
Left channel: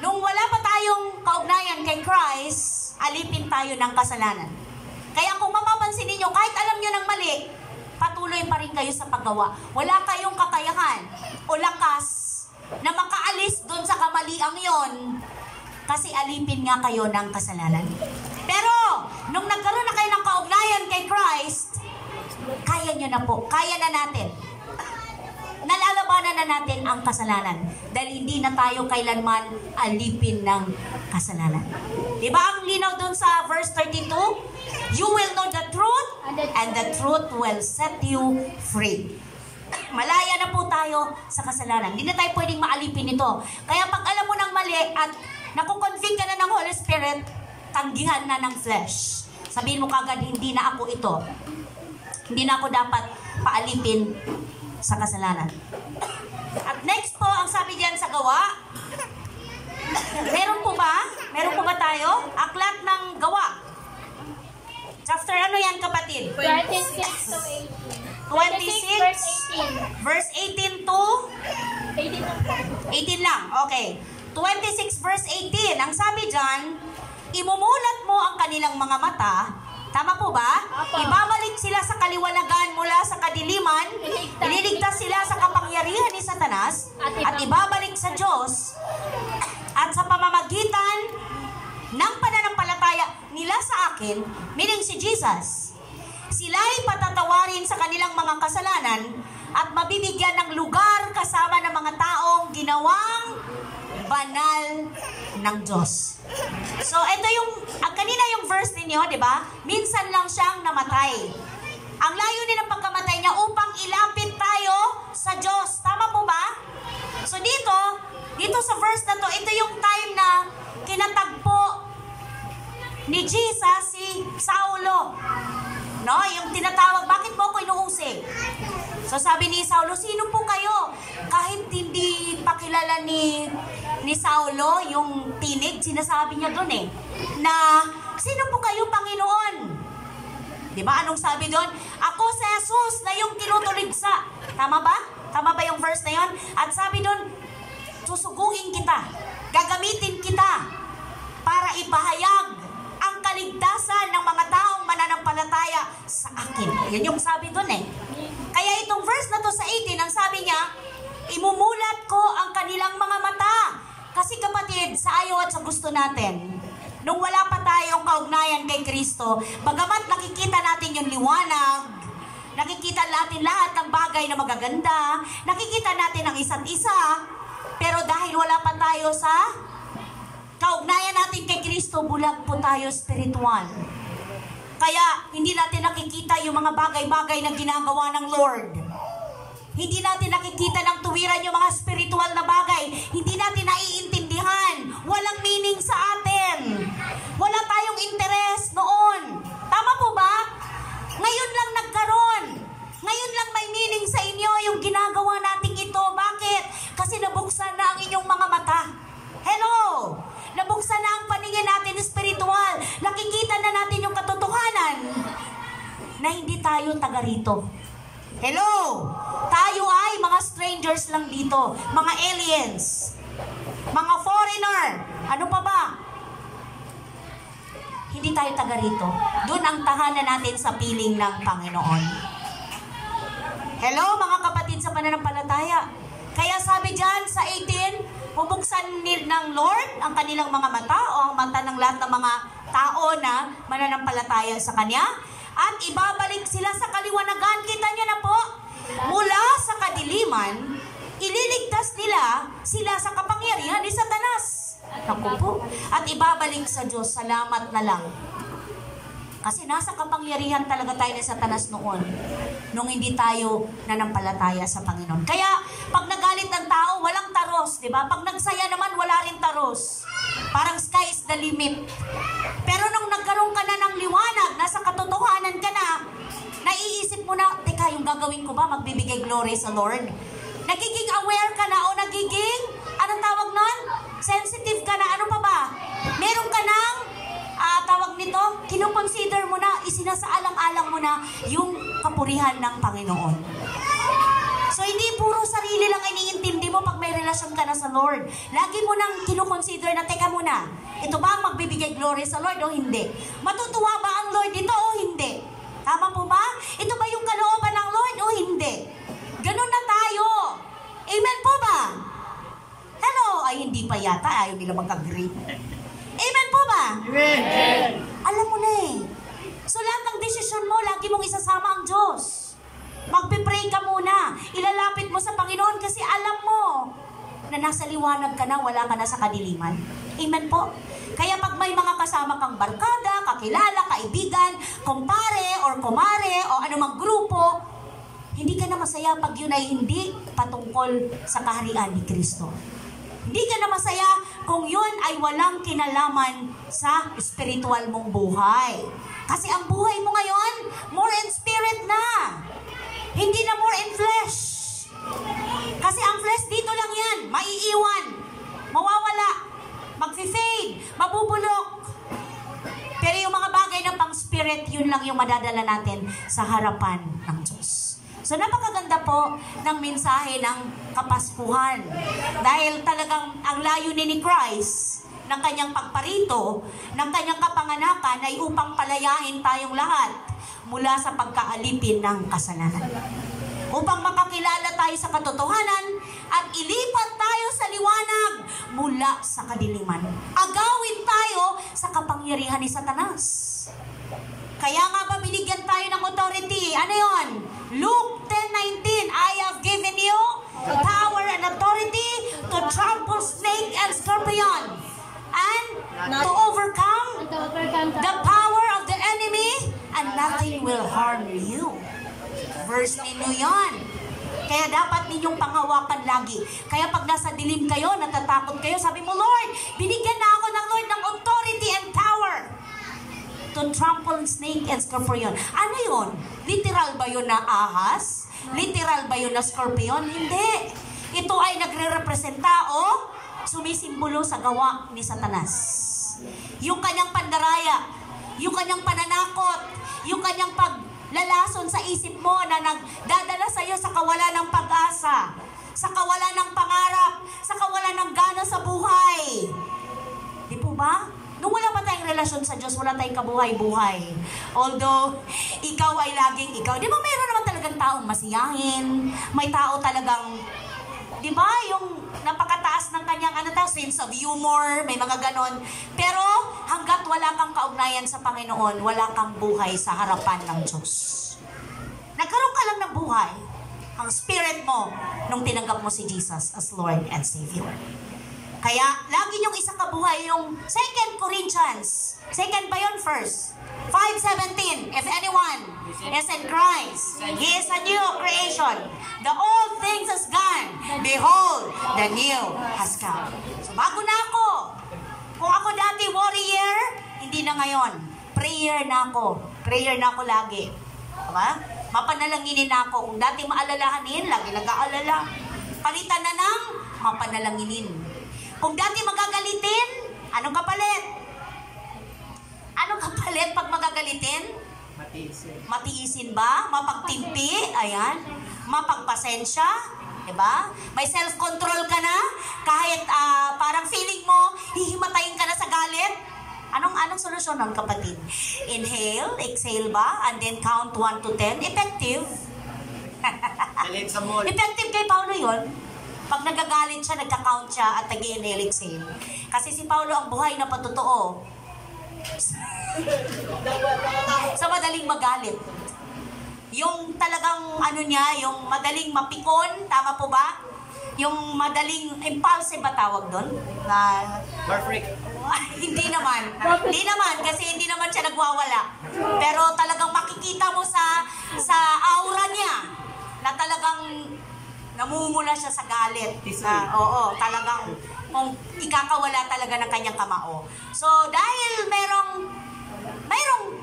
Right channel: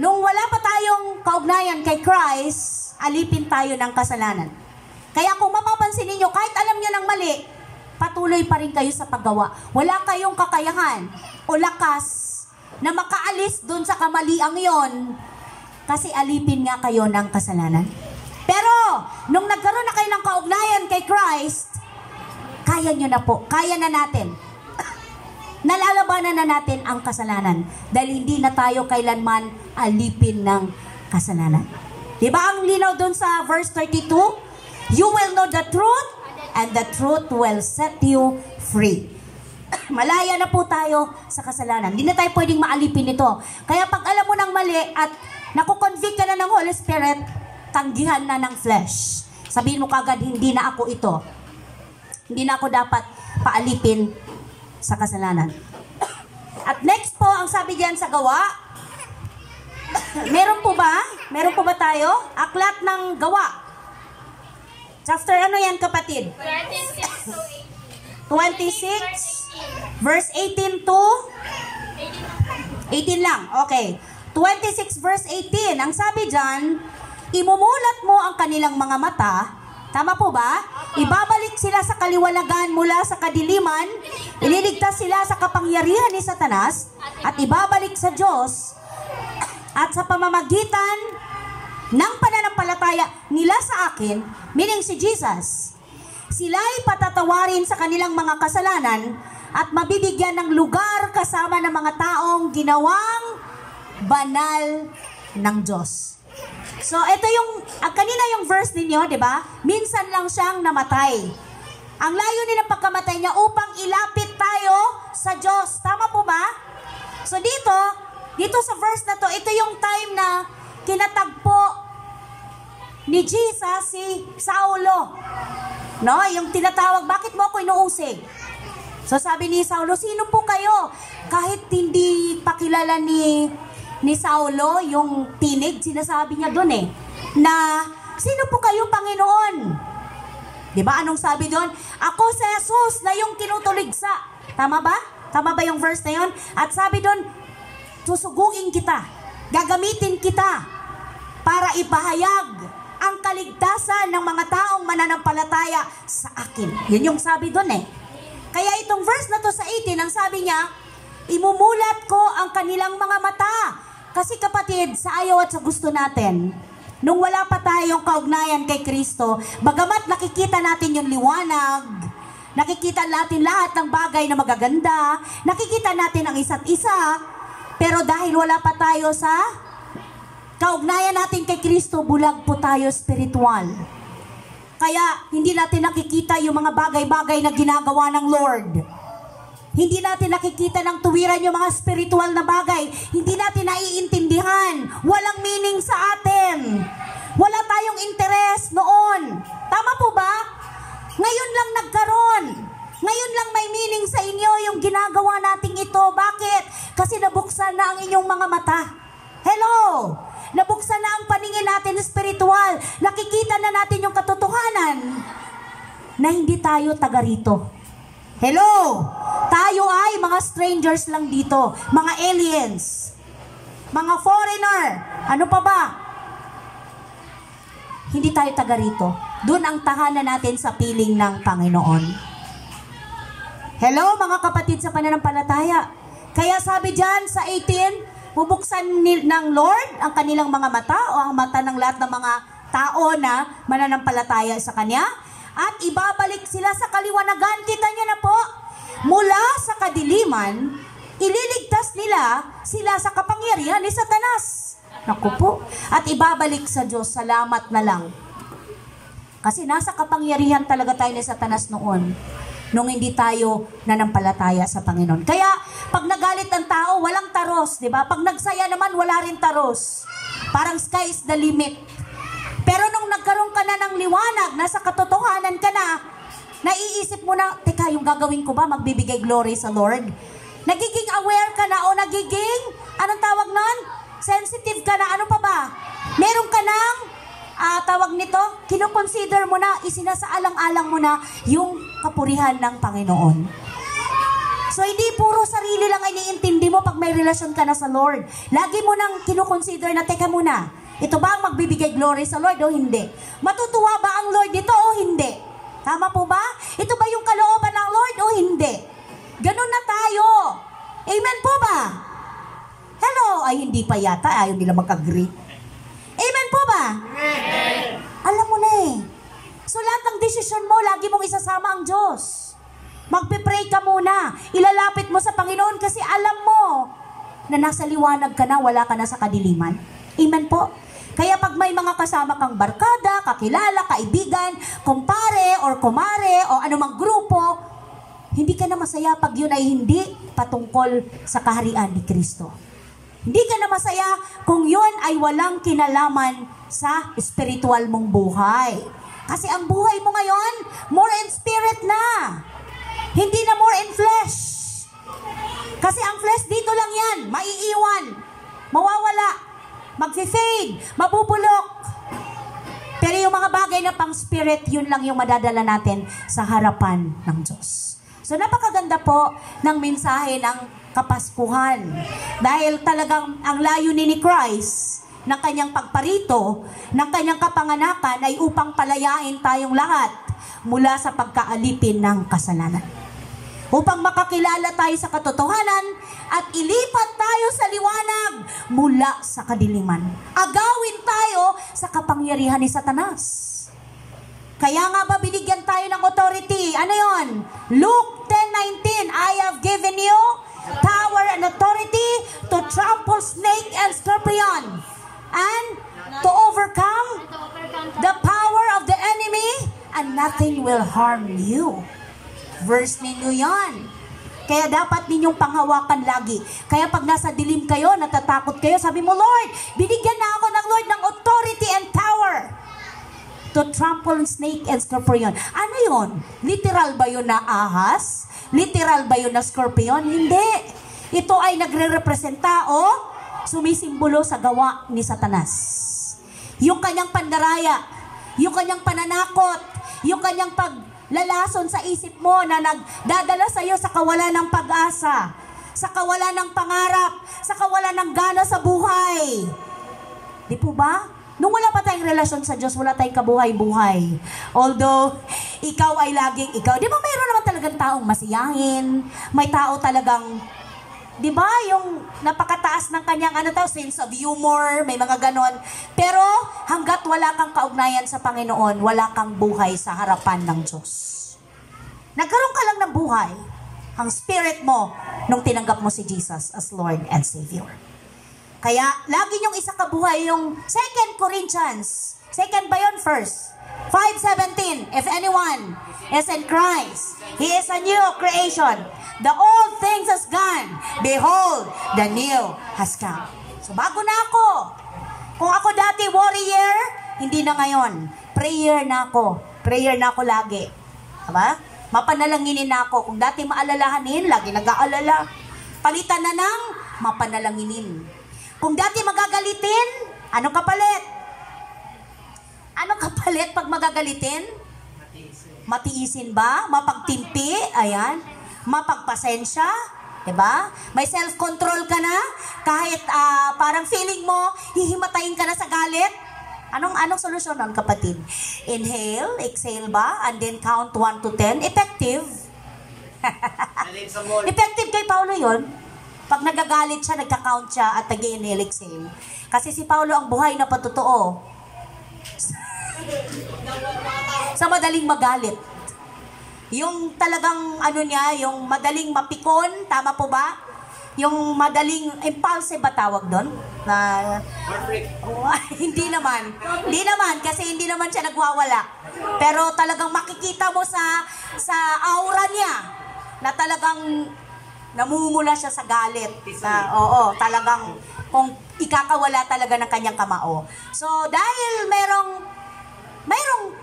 nung wala pa tayong kaugnayan kay Christ, alipin tayo ng kasalanan. Kaya kung mapapansin ninyo, kahit alam nyo ng mali, patuloy pa rin kayo sa paggawa. Wala kayong kakayahan o lakas na makaalis dun sa kamaliang yon, kasi alipin nga kayo ng kasalanan. Pero, nung nagkaroon na kayo ng kaugnayan kay Christ, kaya nyo na po, kaya na natin. Nalalabanan na natin ang kasalanan dahil hindi na tayo kailanman alipin ng kasalanan. Diba ang linaw dun sa verse 32? You will know the truth and the truth will set you free. Malaya na po tayo sa kasalanan. Hindi na tayo pwedeng maalipin ito. Kaya pag alam mo ng mali at nakukonvict ka na ng Holy Spirit, tanggihan na ng flesh. Sabihin mo kagad, hindi na ako ito. Hindi na ako dapat paalipin sa kasalanan. At next po, ang sabi diyan sa Gawa, meron po ba? Meron po ba tayo? Aklat ng Gawa. Chapter ano yan kapatid? 26 to 26, verse 18 to 18 lang. Okay. 26 verse 18. Ang sabi diyan, imumulat mo ang kanilang mga mata. Tama po ba? Ibabalik sila sa kaliwanagan mula sa kadiliman. Ililigtas sila sa kapangyarihan ni Satanas at ibabalik sa Diyos. At sa pamamagitan ng pananampalataya nila sa akin, meaning si Jesus, sila ay patatawarin sa kanilang mga kasalanan at mabibigyan ng lugar kasama ng mga taong ginawang banal ng Diyos. So, ito yung, kanina yung verse ninyo, di ba? Minsan lang siyang namatay. Ang layunin ng pagkamatay niya upang ilapit tayo sa Diyos. Tama po ba? So, dito sa verse na to, ito yung time na kinatagpo ni Jesus si Saulo. No? Yung tinatawag, bakit mo ako inuusig? So, sabi ni Saulo, sino po kayo? Kahit hindi pakilala ni Saulo, yung tinig, sinasabi niya doon na, sino po kayo, Panginoon? Diba? Anong sabi doon? Ako si Jesus na yung kinutuligsa. Tama ba? Tama ba yung verse na yun? At sabi doon, susugungin kita, gagamitin kita para ipahayag ang kaligtasan ng mga taong mananampalataya sa akin. Yun yung sabi doon Kaya itong verse na to sa 18, ang sabi niya, imumulat ko ang kanilang mga mata. Kasi kapatid, sa ayaw at sa gusto natin, nung wala pa tayong kaugnayan kay Kristo, bagamat nakikita natin yung liwanag, nakikita natin lahat ng bagay na magaganda, nakikita natin ang isa't isa, pero dahil wala pa tayo sa kaugnayan natin kay Kristo, bulag po tayo spiritual. Kaya hindi natin nakikita yung mga bagay-bagay na ginagawa ng Lord. Hindi natin nakikita ng tuwiran yung mga spiritual na bagay. Hindi natin naiintindihan. Walang meaning sa atin. Wala tayong interes noon. Tama po ba? Ngayon lang nagkaroon. Ngayon lang may meaning sa inyo yung ginagawa nating ito. Bakit? Kasi nabuksan na ang inyong mga mata. Hello! Nabuksan na ang paningin natin spiritual. Nakikita na natin yung katotohanan na hindi tayo taga rito. Hello! Tayo ay mga strangers lang dito. Mga aliens. Mga foreigner. Ano pa ba? Hindi tayo taga rito. Doon ang tahanan natin sa piling ng Panginoon. Hello mga kapatid sa pananampalataya. Kaya sabi dyan sa 18, bubuksan ng Lord ang kanilang mga mata o ang mata ng lahat ng mga tao na mananampalataya sa Kanya at ibabalik sila sa kaliwanagan. Kita nyo na po, mula sa kadiliman, ililigtas nila sila sa kapangyarihan ni Satanas. Naku po. At ibabalik sa Diyos, salamat na lang. Kasi nasa kapangyarihan talaga tayo ni Satanas noon, nung hindi tayo nanampalataya sa Panginoon. Kaya, pag nagalit ang tao, walang taros, di ba? Pag nagsaya naman, wala rin taros. Parang sky is the limit. Pero nung nagkaroon ka na ng liwanag, nasa katotohanan ka na, Naiisip mo na, teka, yung gagawin ko ba, magbibigay glory sa Lord? Nagiging aware ka na o nagiging, anong tawag nun? Sensitive ka na, ano pa ba? Meron ka ng, tawag nito, kinukonsider mo na, isinasaalang-alang mo na yung kapurihan ng Panginoon. So, hindi puro sarili lang iniintindi mo pag may relasyon ka na sa Lord. Lagi mo nang kinukonsider na, teka muna, ito ba ang magbibigay glory sa Lord o hindi? Matutuwa ba ang Lord dito o hindi? Tama po ba? Ito ba yung kalooban ng Lord o hindi? Ganun na tayo. Amen po ba? Hello? Ay, hindi pa yata. Ayaw nila mag-agree. Amen po ba? Amen. Alam mo na eh. So, lahat ng desisyon mo, lagi mong isasama ang Diyos. Magpipray ka muna. Ilalapit mo sa Panginoon kasi alam mo na nasa liwanag ka na, wala ka na sa kadiliman. Amen po? Kaya pag may mga kasama kang barkada, kakilala, kaibigan, kumpare or kumare o anumang grupo, hindi ka na masaya pag yun ay hindi patungkol sa kaharian ni Kristo. Hindi ka na masaya kung yun ay walang kinalaman sa spiritual mong buhay. Kasi ang buhay mo ngayon, more in spirit na. Hindi na more in flesh. Kasi ang flesh dito lang yan, maiiwan, mawawala, mag-fade, mabubulok. Pero yung mga bagay na pang spirit, yun lang yung madadala natin sa harapan ng Diyos. So napakaganda po ng mensahe ng Kapaskuhan. Dahil talagang ang layunin ni Christ ng kanyang pagparito, ng kanyang kapanganakan ay upang palayain tayong lahat mula sa pagkaalipin ng kasalanan. Upang makakilala tayo sa katotohanan at ilipat tayo sa liwanag mula sa kadiliman. Agawin tayo sa kapangyarihan ni Satanas. Kaya nga ba binigyan tayo ng authority? Ano yon? Luke 10:19, I have given you power and authority to trample snake and scorpion and to overcome the power of the enemy and nothing will harm you. Verse ninyo yan. Kaya dapat ninyong panghawakan lagi. Kaya pag nasa dilim kayo, natatakot kayo, sabi mo, Lord, binigyan na ako ng Lord ng authority and power to trample snake and scorpion. Ano yun? Literal ba yun na ahas? Literal ba yun na scorpion? Hindi. Ito ay nagre-representa o sumisimbolo sa gawa ni Satanas. Yung kanyang pandaraya, yung kanyang pananakot, yung kanyang paglalason sa isip mo na nagdadala sa iyo sa kawalan ng pag-asa, sa kawalan ng pangarap, sa kawalan ng gana sa buhay. Di po ba? Nung wala pa tayong relasyon sa Diyos, wala tayong kabuhay-buhay. Although, ikaw ay laging ikaw. Di ba mayroon naman talagang taong masiyahin? May tao talagang, di ba, yung napakataas ng kanyang sense of humor, may mga ganon. Pero, hanggat wala kang kaugnayan sa Panginoon, wala kang buhay sa harapan ng Diyos. Nagkaroon ka lang ng buhay, ang spirit mo, nung tinanggap mo si Jesus as Lord and Savior. Kaya, lagi niyong isa kabuhay yung 2 Corinthians. Second ba yun? First. 5:17. If anyone is in Christ, he is a new creation. The old things has gone. Behold, the new has come. So, bago na ako. Kung ako dati warrior, hindi na ngayon. Prayer na ako. Prayer na ako lagi. Diba? Mapanalanginin na ako. Kung dati maalalahanin, lagi nag-aalala. Palitan na ng mapanalanginin. Kung dati magagalitin, anong kapalit? Anong kapalit pag magagalitin? Matiisin ba? Mapagtimpi? Ayan. Mapagpasensya? Diba? May self-control ka na? Kahit parang feeling mo, hihimatayin ka na sa galit? Anong solusyon nun, kapatid? Inhale, exhale ba? And then count 1 to 10. Effective. Effective kay Paulo yun. Pag nagagalit siya, nagka-count siya at nag-inhale, exhale. Kasi si Paulo ang buhay na patotoo. Sa madaling magalit. Yung talagang yung madaling mapikon, tama po ba? Yung madaling impulsive ba tawag doon? Hindi naman. Hindi naman kasi hindi naman siya nagwawala. Pero talagang makikita mo sa aura niya na talagang namumula siya sa galit. Oo, talagang kung ikakawala talaga ng kanyang kamao. So, dahil merong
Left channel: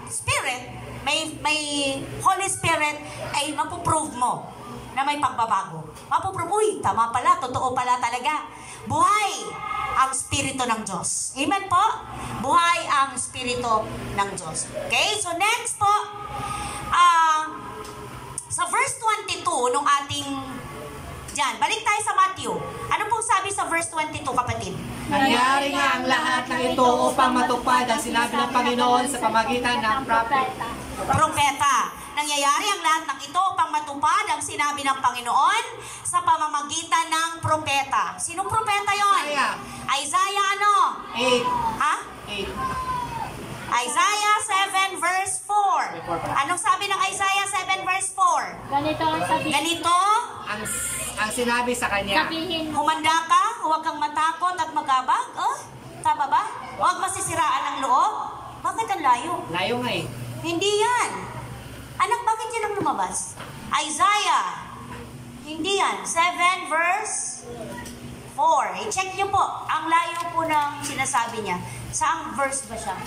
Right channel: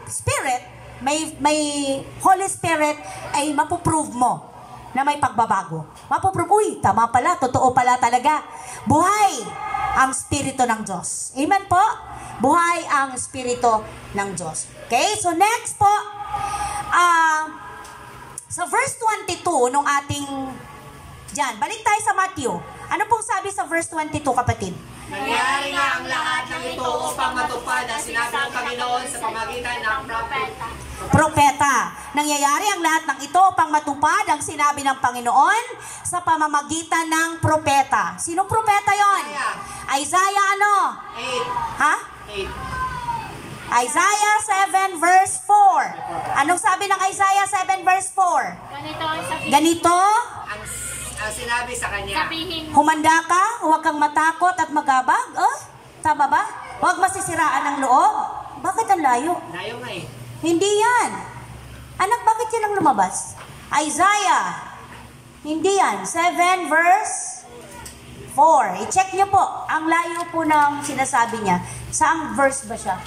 spirit, may Holy Spirit, ay mapuprove mo na may pagbabago. Mapuprove, uy, tama pala, totoo pala talaga. Buhay ang Espiritu ng Diyos. Amen po? Buhay ang Espiritu ng Diyos. Okay, so next po, sa verse 22 nung ating dyan, balik tayo sa Matthew. Ano pong sabi sa verse 22, kapatid? Nangyari nga ang lahat ng ito upang matupad ang sinabi ng Panginoon sa pamagitan ng propeta. Propeta. Nangyayari ang lahat ng ito upang matupad ang sinabi ng Panginoon sa pamamagitan ng propeta. Sinong propeta yon? Isaiah ano? 8. Ha? 8. Isaiah 7 verse 4. Anong sabi ng Isaiah 7 verse 4? Ganito ang sabihin. Ganito, Ang sinabi sa kanya. Sabihin mo. humanda ka, huwag kang matakot at magabag. Oh, tama ba? Huwag masisiraan ang loob. Bakit ang layo? Layo nga eh. Hindi yan. Anak, bakit yan ang lumabas? Isaiah. Hindi yan. 7 verse 4. I-check niyo po. Ang layo po ng sinasabi niya. Saang verse ba siya?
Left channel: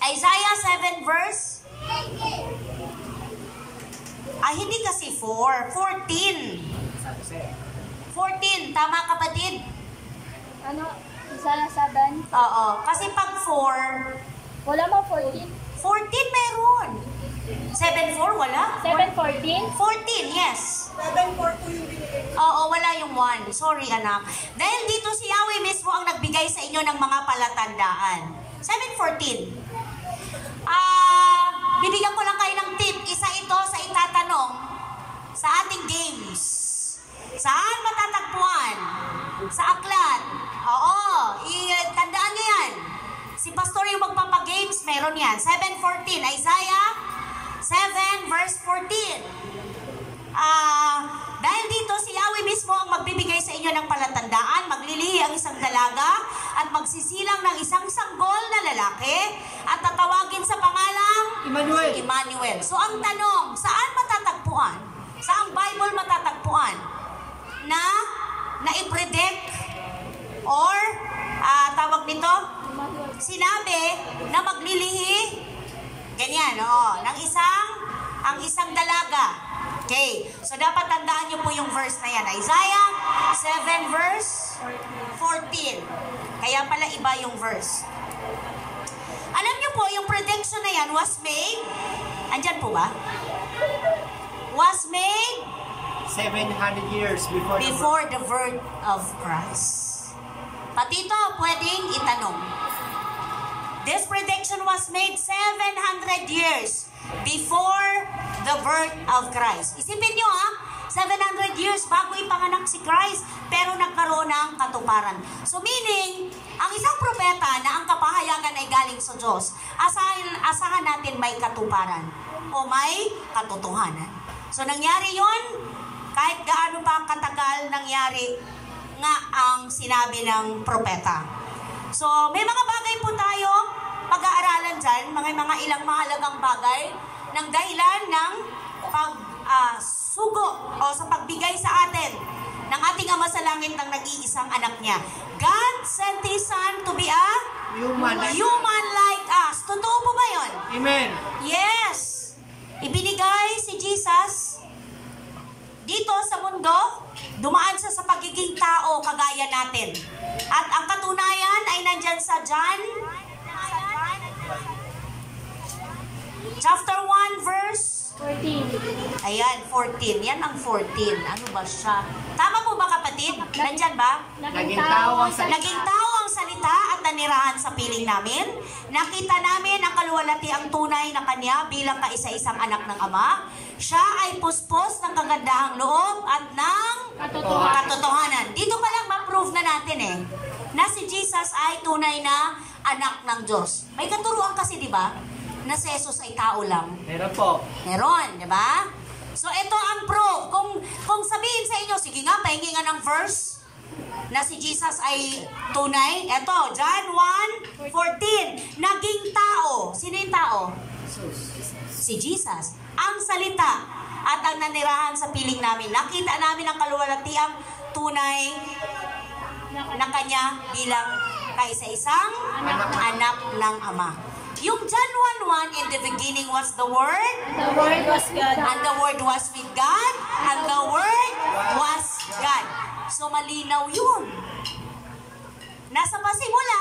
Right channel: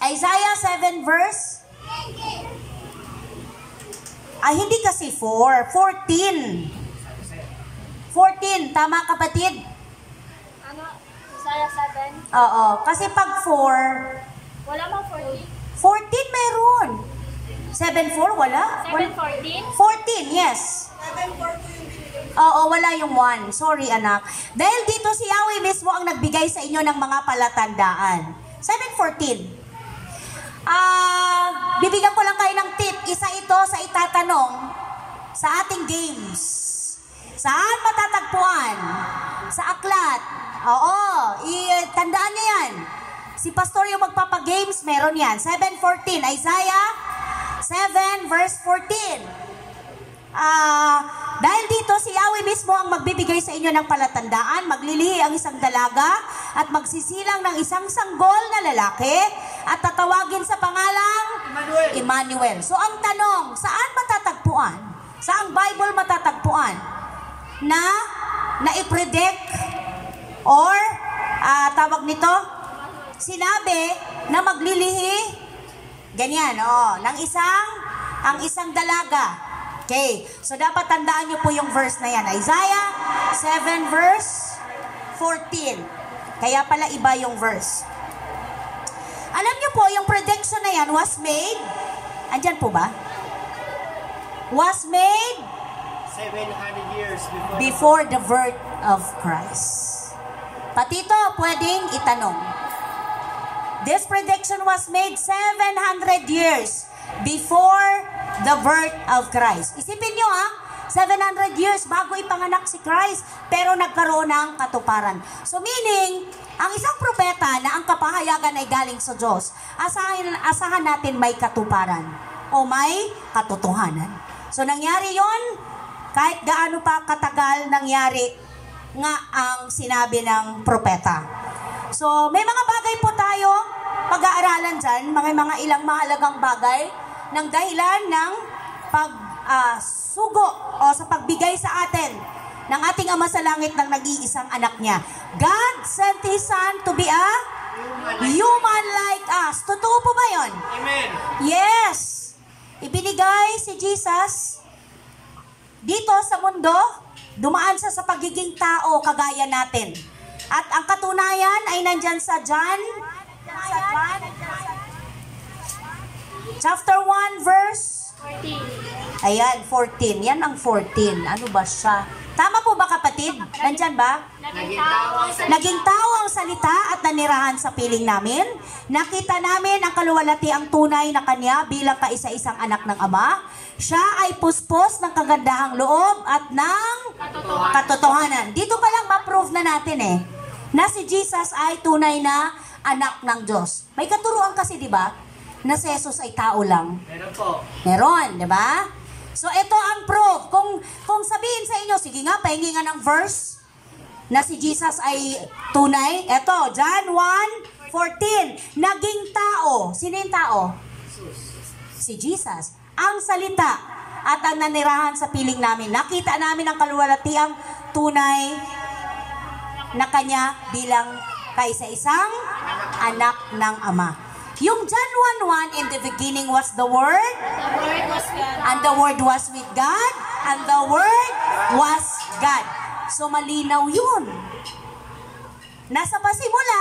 Isaiah 7 verse? Ay, hindi kasi 4. 14. 14. Tama, kapatid? Ano? Isaiah 7? Oo. Kasi pag 4, Wala mo 14? 14 meron. 7-4, wala? 7:14? 14, yes. 7-4 yung binigay. Oo, wala yung 1. Sorry, anak. Dahil dito si Yahweh mismo ang nagbigay sa inyo ng mga palatandaan. 7:14. Bibigyan ko lang kayo ng tip. Isa ito sa itatanong sa ating games. Saan matatagpuan? Sa aklat. Oo, tandaan nyo yan. Si Pastor yung magpapagames, meron yan. 7:14, Isaiah 7 verse 14. Dahil dito si Yahweh mismo ang magbibigay sa inyo ng palatandaan, maglilihi ang isang dalaga at magsisilang ng isang sanggol na lalaki at tatawagin sa pangalang Emmanuel. So ang tanong, saan matatagpuan? Saang Bible matatagpuan na i-predict or tawag nito, sinabi na maglilihi ganyan, ng isang dalaga. Okay, so dapat tandaan nyo po yung verse na yan. Isaiah 7 verse 14. Kaya pala iba yung verse. Alam nyo po, yung prediction na yan was made, andyan po ba? Was made 700 years before the birth of Christ. Pati ito, pwedeng itanong. This prediction was made 700 years before the birth of Christ. Isipin nyo 700 years bago ipanganak si Christ, pero nagkaroon ng katuparan. So meaning, ang isang propeta na ang kapahayagan ay galing sa Diyos, asahan natin may katuparan o may katotohanan. So nangyari yon, kahit gaano pa katagal nangyari nga ang sinabi ng propeta. So may mga bagay po tayo pag-aaralan dyan, mga ilang mahalagang bagay ng dahilan ng pagsugo o sa pagbigay sa atin ng ating Ama sa Langit ng nag-iisang anak niya. God sent His Son to be a human like us. Totoo po ba yun? Amen. Yes. Ibinigay si Jesus dito sa mundo, dumaan siya sa pagiging tao kagaya natin. At ang katunayan ay nandyan sa John chapter 1 verse 14. Ayan, 14. Yan ang 14. Ano ba siya? Tama po ba, kapatid? Nandyan ba? Naging tao ang salita. Naging tao ang salita at nanirahan sa piling namin. Nakita namin ang kaluwalhatiang tunay na Kanya bilang kaisa-isang anak ng Ama. Siya ay puspos ng kagandahang loob at ng katotohanan. Dito pa lang ma-prove na natin na si Jesus ay tunay na anak ng Diyos. May katuruan kasi, di ba? Na si Jesus ay tao lang. Meron po. Meron, di ba? So, ito ang proof. Kung sabihin sa inyo, sige nga, pahingi nga ng verse na si Jesus ay tunay. Ito, John 1:14. Naging tao. Sino yung tao? Si Jesus. Ang salita at ang nanirahan sa piling namin. Nakita namin ang kaluwalhatiang tunay na Kanya bilang kaisa-isang anak ng Ama. Yung John 1:1, in the beginning was the Word, The Word was God. and the Word was with God, and the Word was God. So malinaw yun. Nasa pasimula,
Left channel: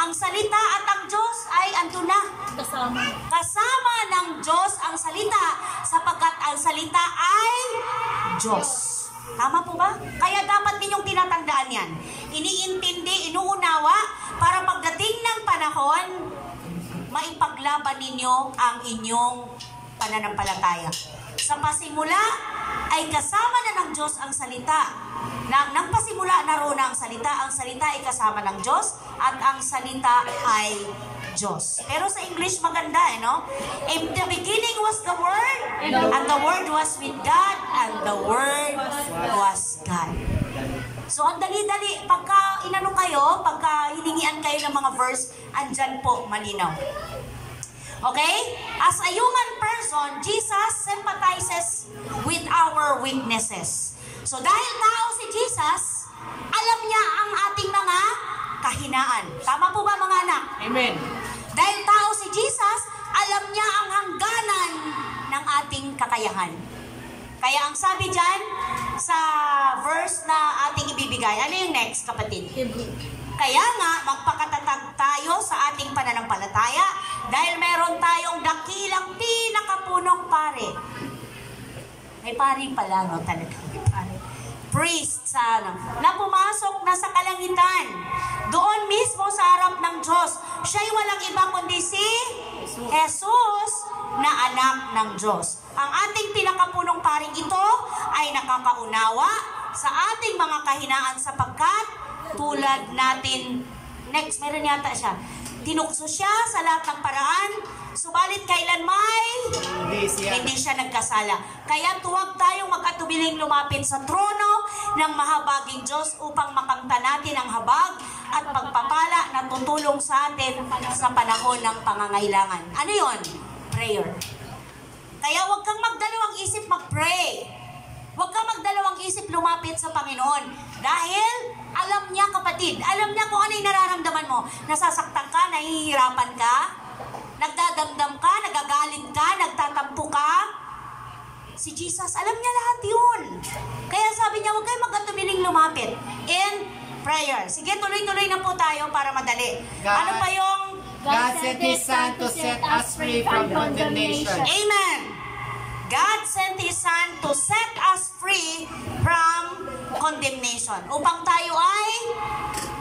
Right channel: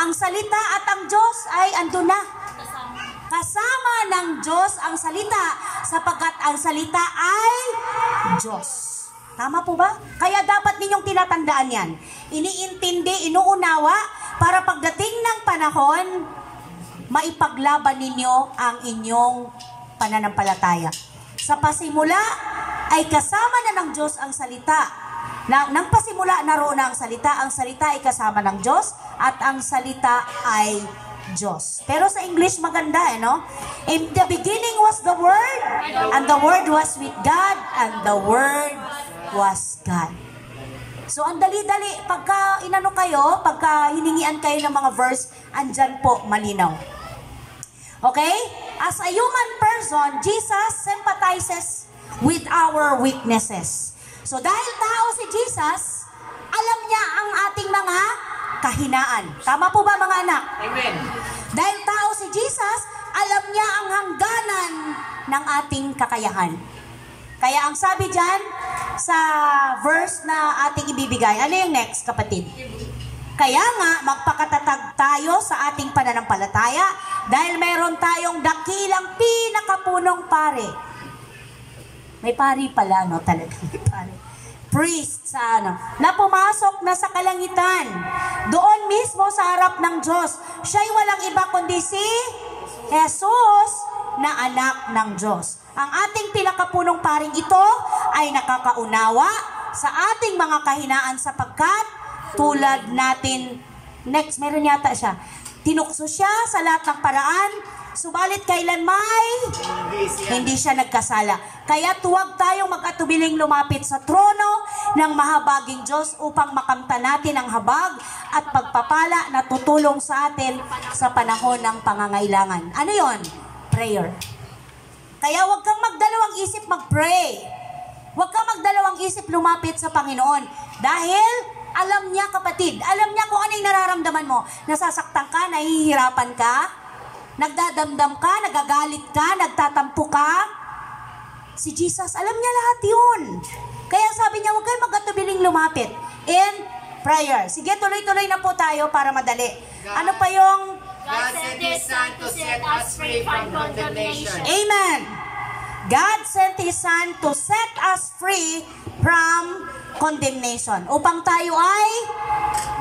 ang salita at ang Diyos ay andun na. Kasama. Kasama ng Diyos ang salita, sapagkat ang salita ay Diyos. Tama po ba? Kaya dapat ninyong tinatandaan yan. Iniintindi, inuunawa, para pagdating ng panahon, maipaglaban ninyo ang inyong pananampalataya. Sa pasimula, ay kasama na ng Diyos ang salita. Nang pasimula, naroon na ang salita ay kasama ng Diyos, at ang salita ay Diyos. Pero sa English maganda, no? In the beginning was the Word, and the Word was with God, and the Word was God. So, ang dali-dali, pagka inano kayo, pagka hiningian kayo ng mga verse, andyan po, malinaw. Okay? As a human person, Jesus sympathizes with our weaknesses. So, dahil tao si Jesus, alam niya ang ating mga kahinaan. Tama po ba, mga anak? Amen. Dahil tao si Jesus, alam niya ang hangganan ng ating kakayahan. Kaya ang sabi dyan, sa verse na ating ibibigay, ano yung next, kapatid? Kaya nga, magpakatatag tayo sa ating pananampalataya dahil meron tayong dakilang pinakapunong pare. May pari pala, no? Talaga may pari. Priest sa ano, na pumasok na sa kalangitan. Doon mismo sa harap ng Diyos. Siya'y walang iba kundi si Jesus na anak ng Diyos. Ang ating pinakapunong paring ito ay nakakaunawa sa ating mga kahinaan sapagkat tulad natin, next, meron yata siya, tinukso siya sa lahat ng paraan, subalit kailan may hindi siya nagkasala. Kaya tuwag tayong mag-atubiling lumapit sa trono ng mahabaging Diyos upang makamta natin ang habag at pagpapala na tutulong sa atin sa panahon ng pangangailangan. Ano yon? Prayer. Kaya huwag kang magdalawang isip mag-pray. Huwag kang magdalawang isip lumapit sa Panginoon. Dahil alam niya, kapatid, alam niya kung ano yung nararamdaman mo. Nasasaktan ka, nahihirapan ka, nagdadamdam ka, nagagalit ka, nagtatampo ka. Si Jesus, alam niya lahat yun. Kaya sabi niya, huwag kayong mag-atubiling lumapit in prayer. Sige, tuloy-tuloy na po tayo para madali. Ano pa yung God sent His Son to set us free from condemnation. Amen. God sent His Son to set us free from condemnation. Upang tayo ay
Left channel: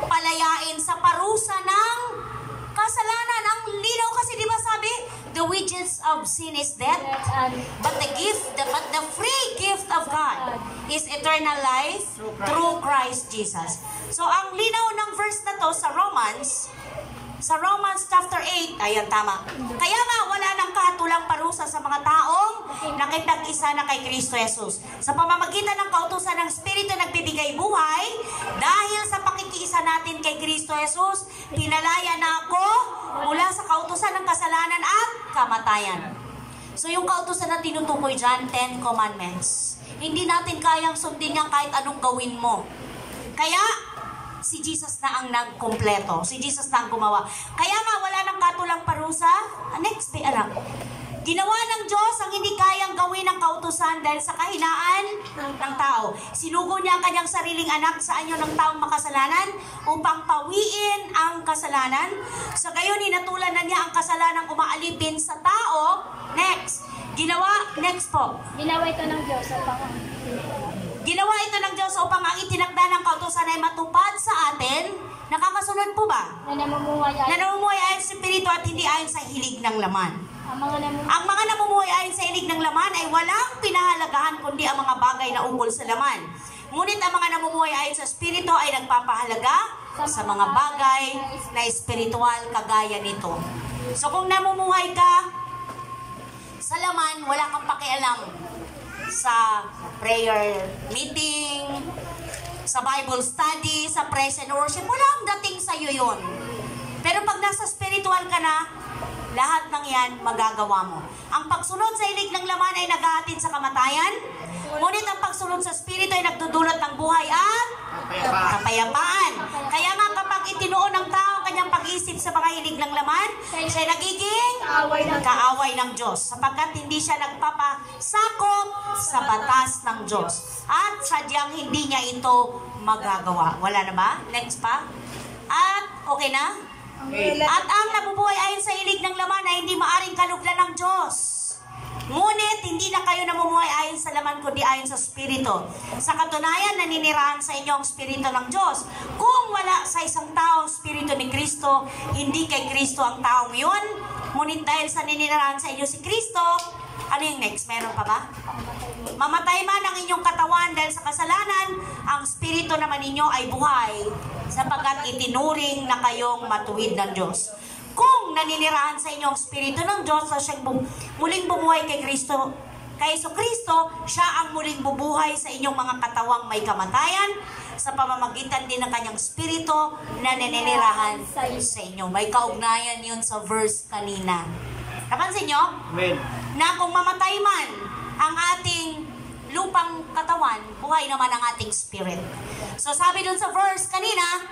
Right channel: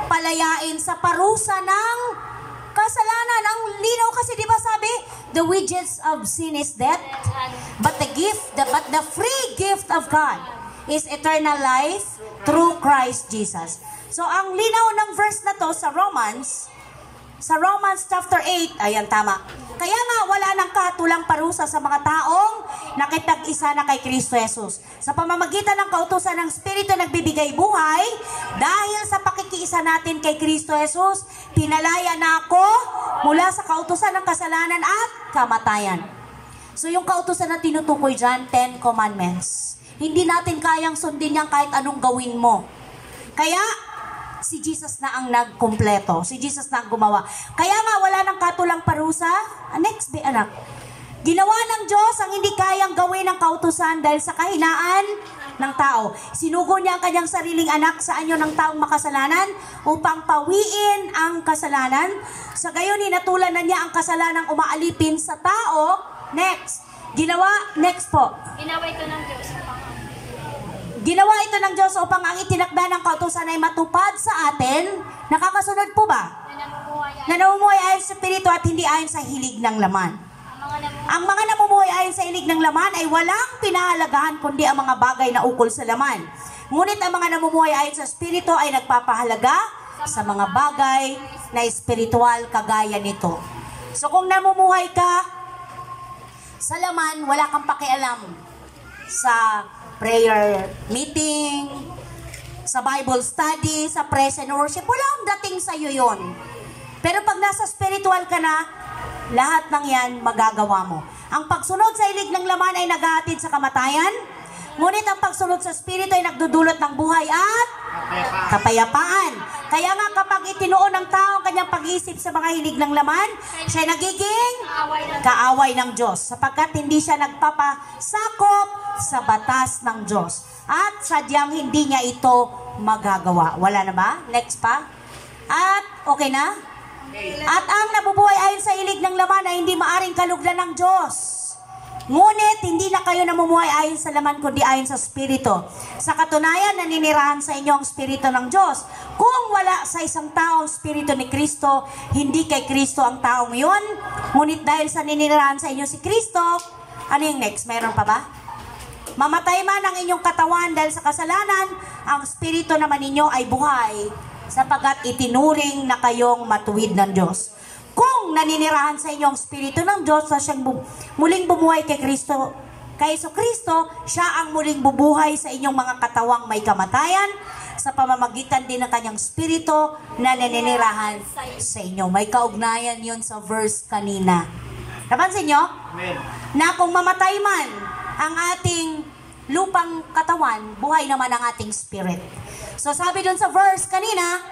palayain sa parusa ng kasalanan. Ang linaw kasi, di ba sabi, the wages of sin is death, but the free gift of God is eternal life through Christ Jesus. So, ang linaw ng verse na to sa Romans chapter 8, ayan, tama. Kaya nga, wala nang katulang parusa sa mga taong nakipag-isa na kay Kristo Jesus. Sa pamamagitan ng kautusan ng Espiritu nagbibigay buhay, dahil sa pakikiisa natin kay Kristo Jesus, pinalaya na ako mula sa kautusan ng kasalanan at kamatayan. So yung kautusan na tinutukoy dyan, 10 Commandments. Hindi natin kayang sundin yan kahit anong gawin mo. Kaya, si Jesus na ang nagkumpleto. Si Jesus na ang gumawa. Kaya nga, wala nang katulang parusa. Next, anak. Ginawa ng Diyos ang hindi kayang gawin ng kautusan dahil sa kahinaan ng tao. Sinugo niya ang kanyang sariling anak sa anyo ng taong makasalanan upang pawiin ang kasalanan. Sa gayon, hinatulan na niya ang kasalanang umaalipin sa tao. Next. Next po. Ginawa ito ng Diyos Ginawa ito ng Diyos upang ang itinakda ng kautusan ay matupad sa atin. Nakakasunod po ba? na namumuhay Na namumuhay ayon sa Espiritu at hindi ayon sa hilig ng laman. Ang mga namumuhay ayon sa hilig ng laman ay walang pinahalagahan kundi ang mga bagay na ukol sa laman. Ngunit ang mga namumuhay ayon sa Espiritu ay nagpapahalaga sa mga bagay na espiritual kagaya nito. So kung namumuhay ka sa laman, wala kang pakialam sa prayer meeting, sa Bible study, sa praise and worship, wala ang dating sa'yo yun. Pero pag nasa spiritual ka na, lahat ng yan magagawa mo. Ang pagsunod sa hilig ng laman ay naghahatid sa kamatayan, ngunit ang pagsunod sa spirito ay nagdudulot ng buhay at kapayapaan. Kaya nga kapag itinuon ng tao ang kanyang pag-ibig nag-iisip sa mga hilig ng laman, siya nagiging kaaway ng Diyos, sapagkat hindi siya nagpapasakop sa batas ng Diyos. At sadyang hindi niya ito magagawa. Wala na ba? Next pa. At okay na? At ang nabubuhay ayon sa hilig ng laman ay hindi maaring kalugdan ng Diyos. Ngunit, hindi na kayo namumuhay ayon sa laman, kundi ayon sa Espiritu. Sa katunayan, naninirahan sa inyo ang Espiritu ng Diyos. Kung wala sa isang tao ang Espiritu ni Kristo, hindi kay Kristo ang taong yun. Ngunit dahil sa naninirahan sa inyo si Kristo, ano yung next? Meron pa ba? Mamatay man ang inyong katawan dahil sa kasalanan, ang Espiritu naman ninyo ay buhay, sapagkat itinuring na kayong matuwid ng Diyos. Kung naninirahan sa inyo ang Espiritu ng Diyos na siyang muling bumuhay kay Kristo, kay Kristo, siya ang muling bubuhay sa inyong mga katawang may kamatayan sa pamamagitan din ng kanyang Espiritu na naninirahan sa inyo. May kaugnayan yun sa verse kanina. Napansin nyo? Amen. Na kung mamatay man ang ating lupang katawan, buhay naman ang ating spirit. So sabi dun sa verse kanina,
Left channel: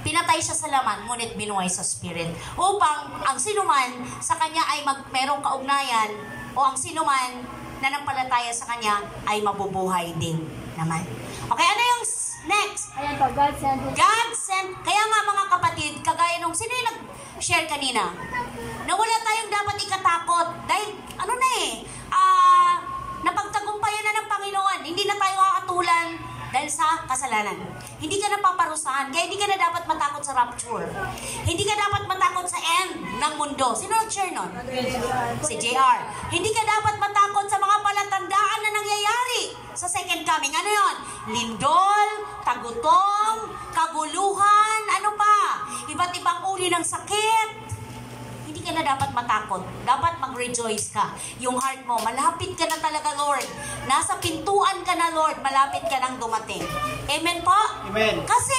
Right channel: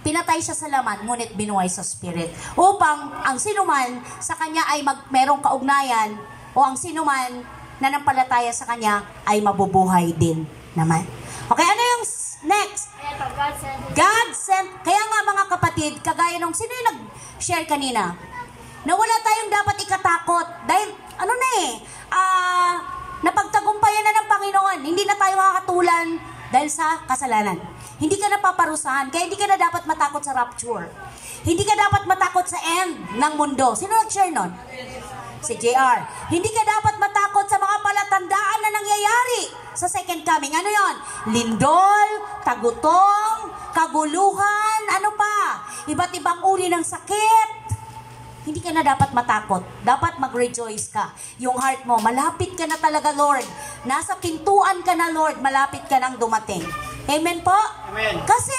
pinatay siya sa laman, ngunit binuhay sa spirit. Upang ang sinuman sa kanya ay merong kaugnayan, o ang sinuman na nampalataya sa kanya ay mabubuhay din naman. Okay, ano yung next? Ayan po, God sent His God sent. Kaya nga mga kapatid, kagaya nung sino yung nag-share kanina, na wala tayong dapat ikatakot. Dahil, napagtagumpayan na ng Panginoon. Hindi na tayo kakatulan dahil sa kasalanan. Hindi ka na paparusahan, kaya hindi ka na dapat matakot sa rapture. Hindi ka dapat matakot sa end ng mundo. Sino nag-share nun? Si JR. Hindi ka dapat matakot sa mga palatandaan na nangyayari sa second coming. Ano yon? Lindol, tagutom, kaguluhan, ano pa? Iba't ibang uri ng sakit. Hindi ka na dapat matakot. Dapat mag-rejoice ka. Yung heart mo, malapit ka na talaga, Lord. Nasa pintuan ka na, Lord. Malapit ka nang dumating. Amen po? Amen. Kasi,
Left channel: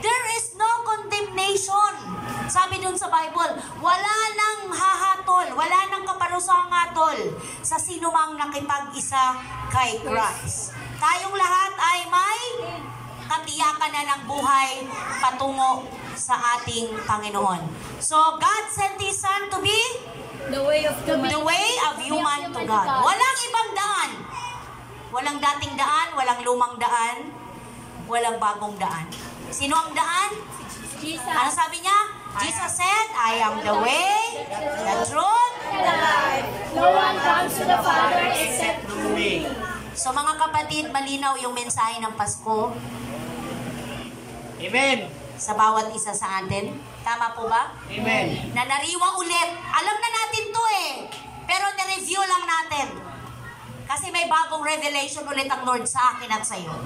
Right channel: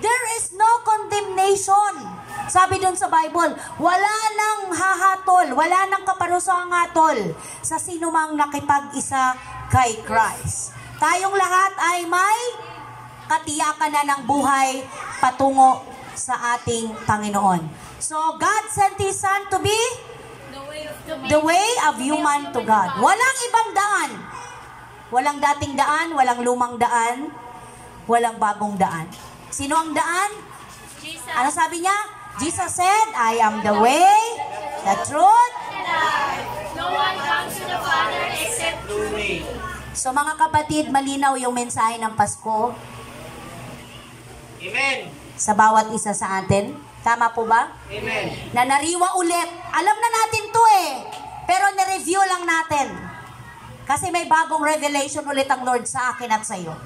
there is no condemnation. Sabi dun sa Bible, wala nang hahatol, wala nang kaparusang hatol sa sino mang nakipag-isa kay Christ. Tayong lahat ay may katiyakan na ng buhay patungo sa ating Panginoon. So, God sent His Son to be the way of human to God. Walang ibang daan. Walang dating daan, walang lumang daan, walang bagong daan. Sino ang daan? Jesus. Ano sabi niya? Jesus said, I am the way, the truth. No one comes to the Father except through me. So mga kapatid, malinaw yung mensahe ng Pasko Amen. sa bawat isa sa atin. Tama po ba? Amen. Na nariwa ulit. Alam na natin to pero nireview lang natin. Kasi may bagong revelation ulit ang Lord sa akin at sa iyo.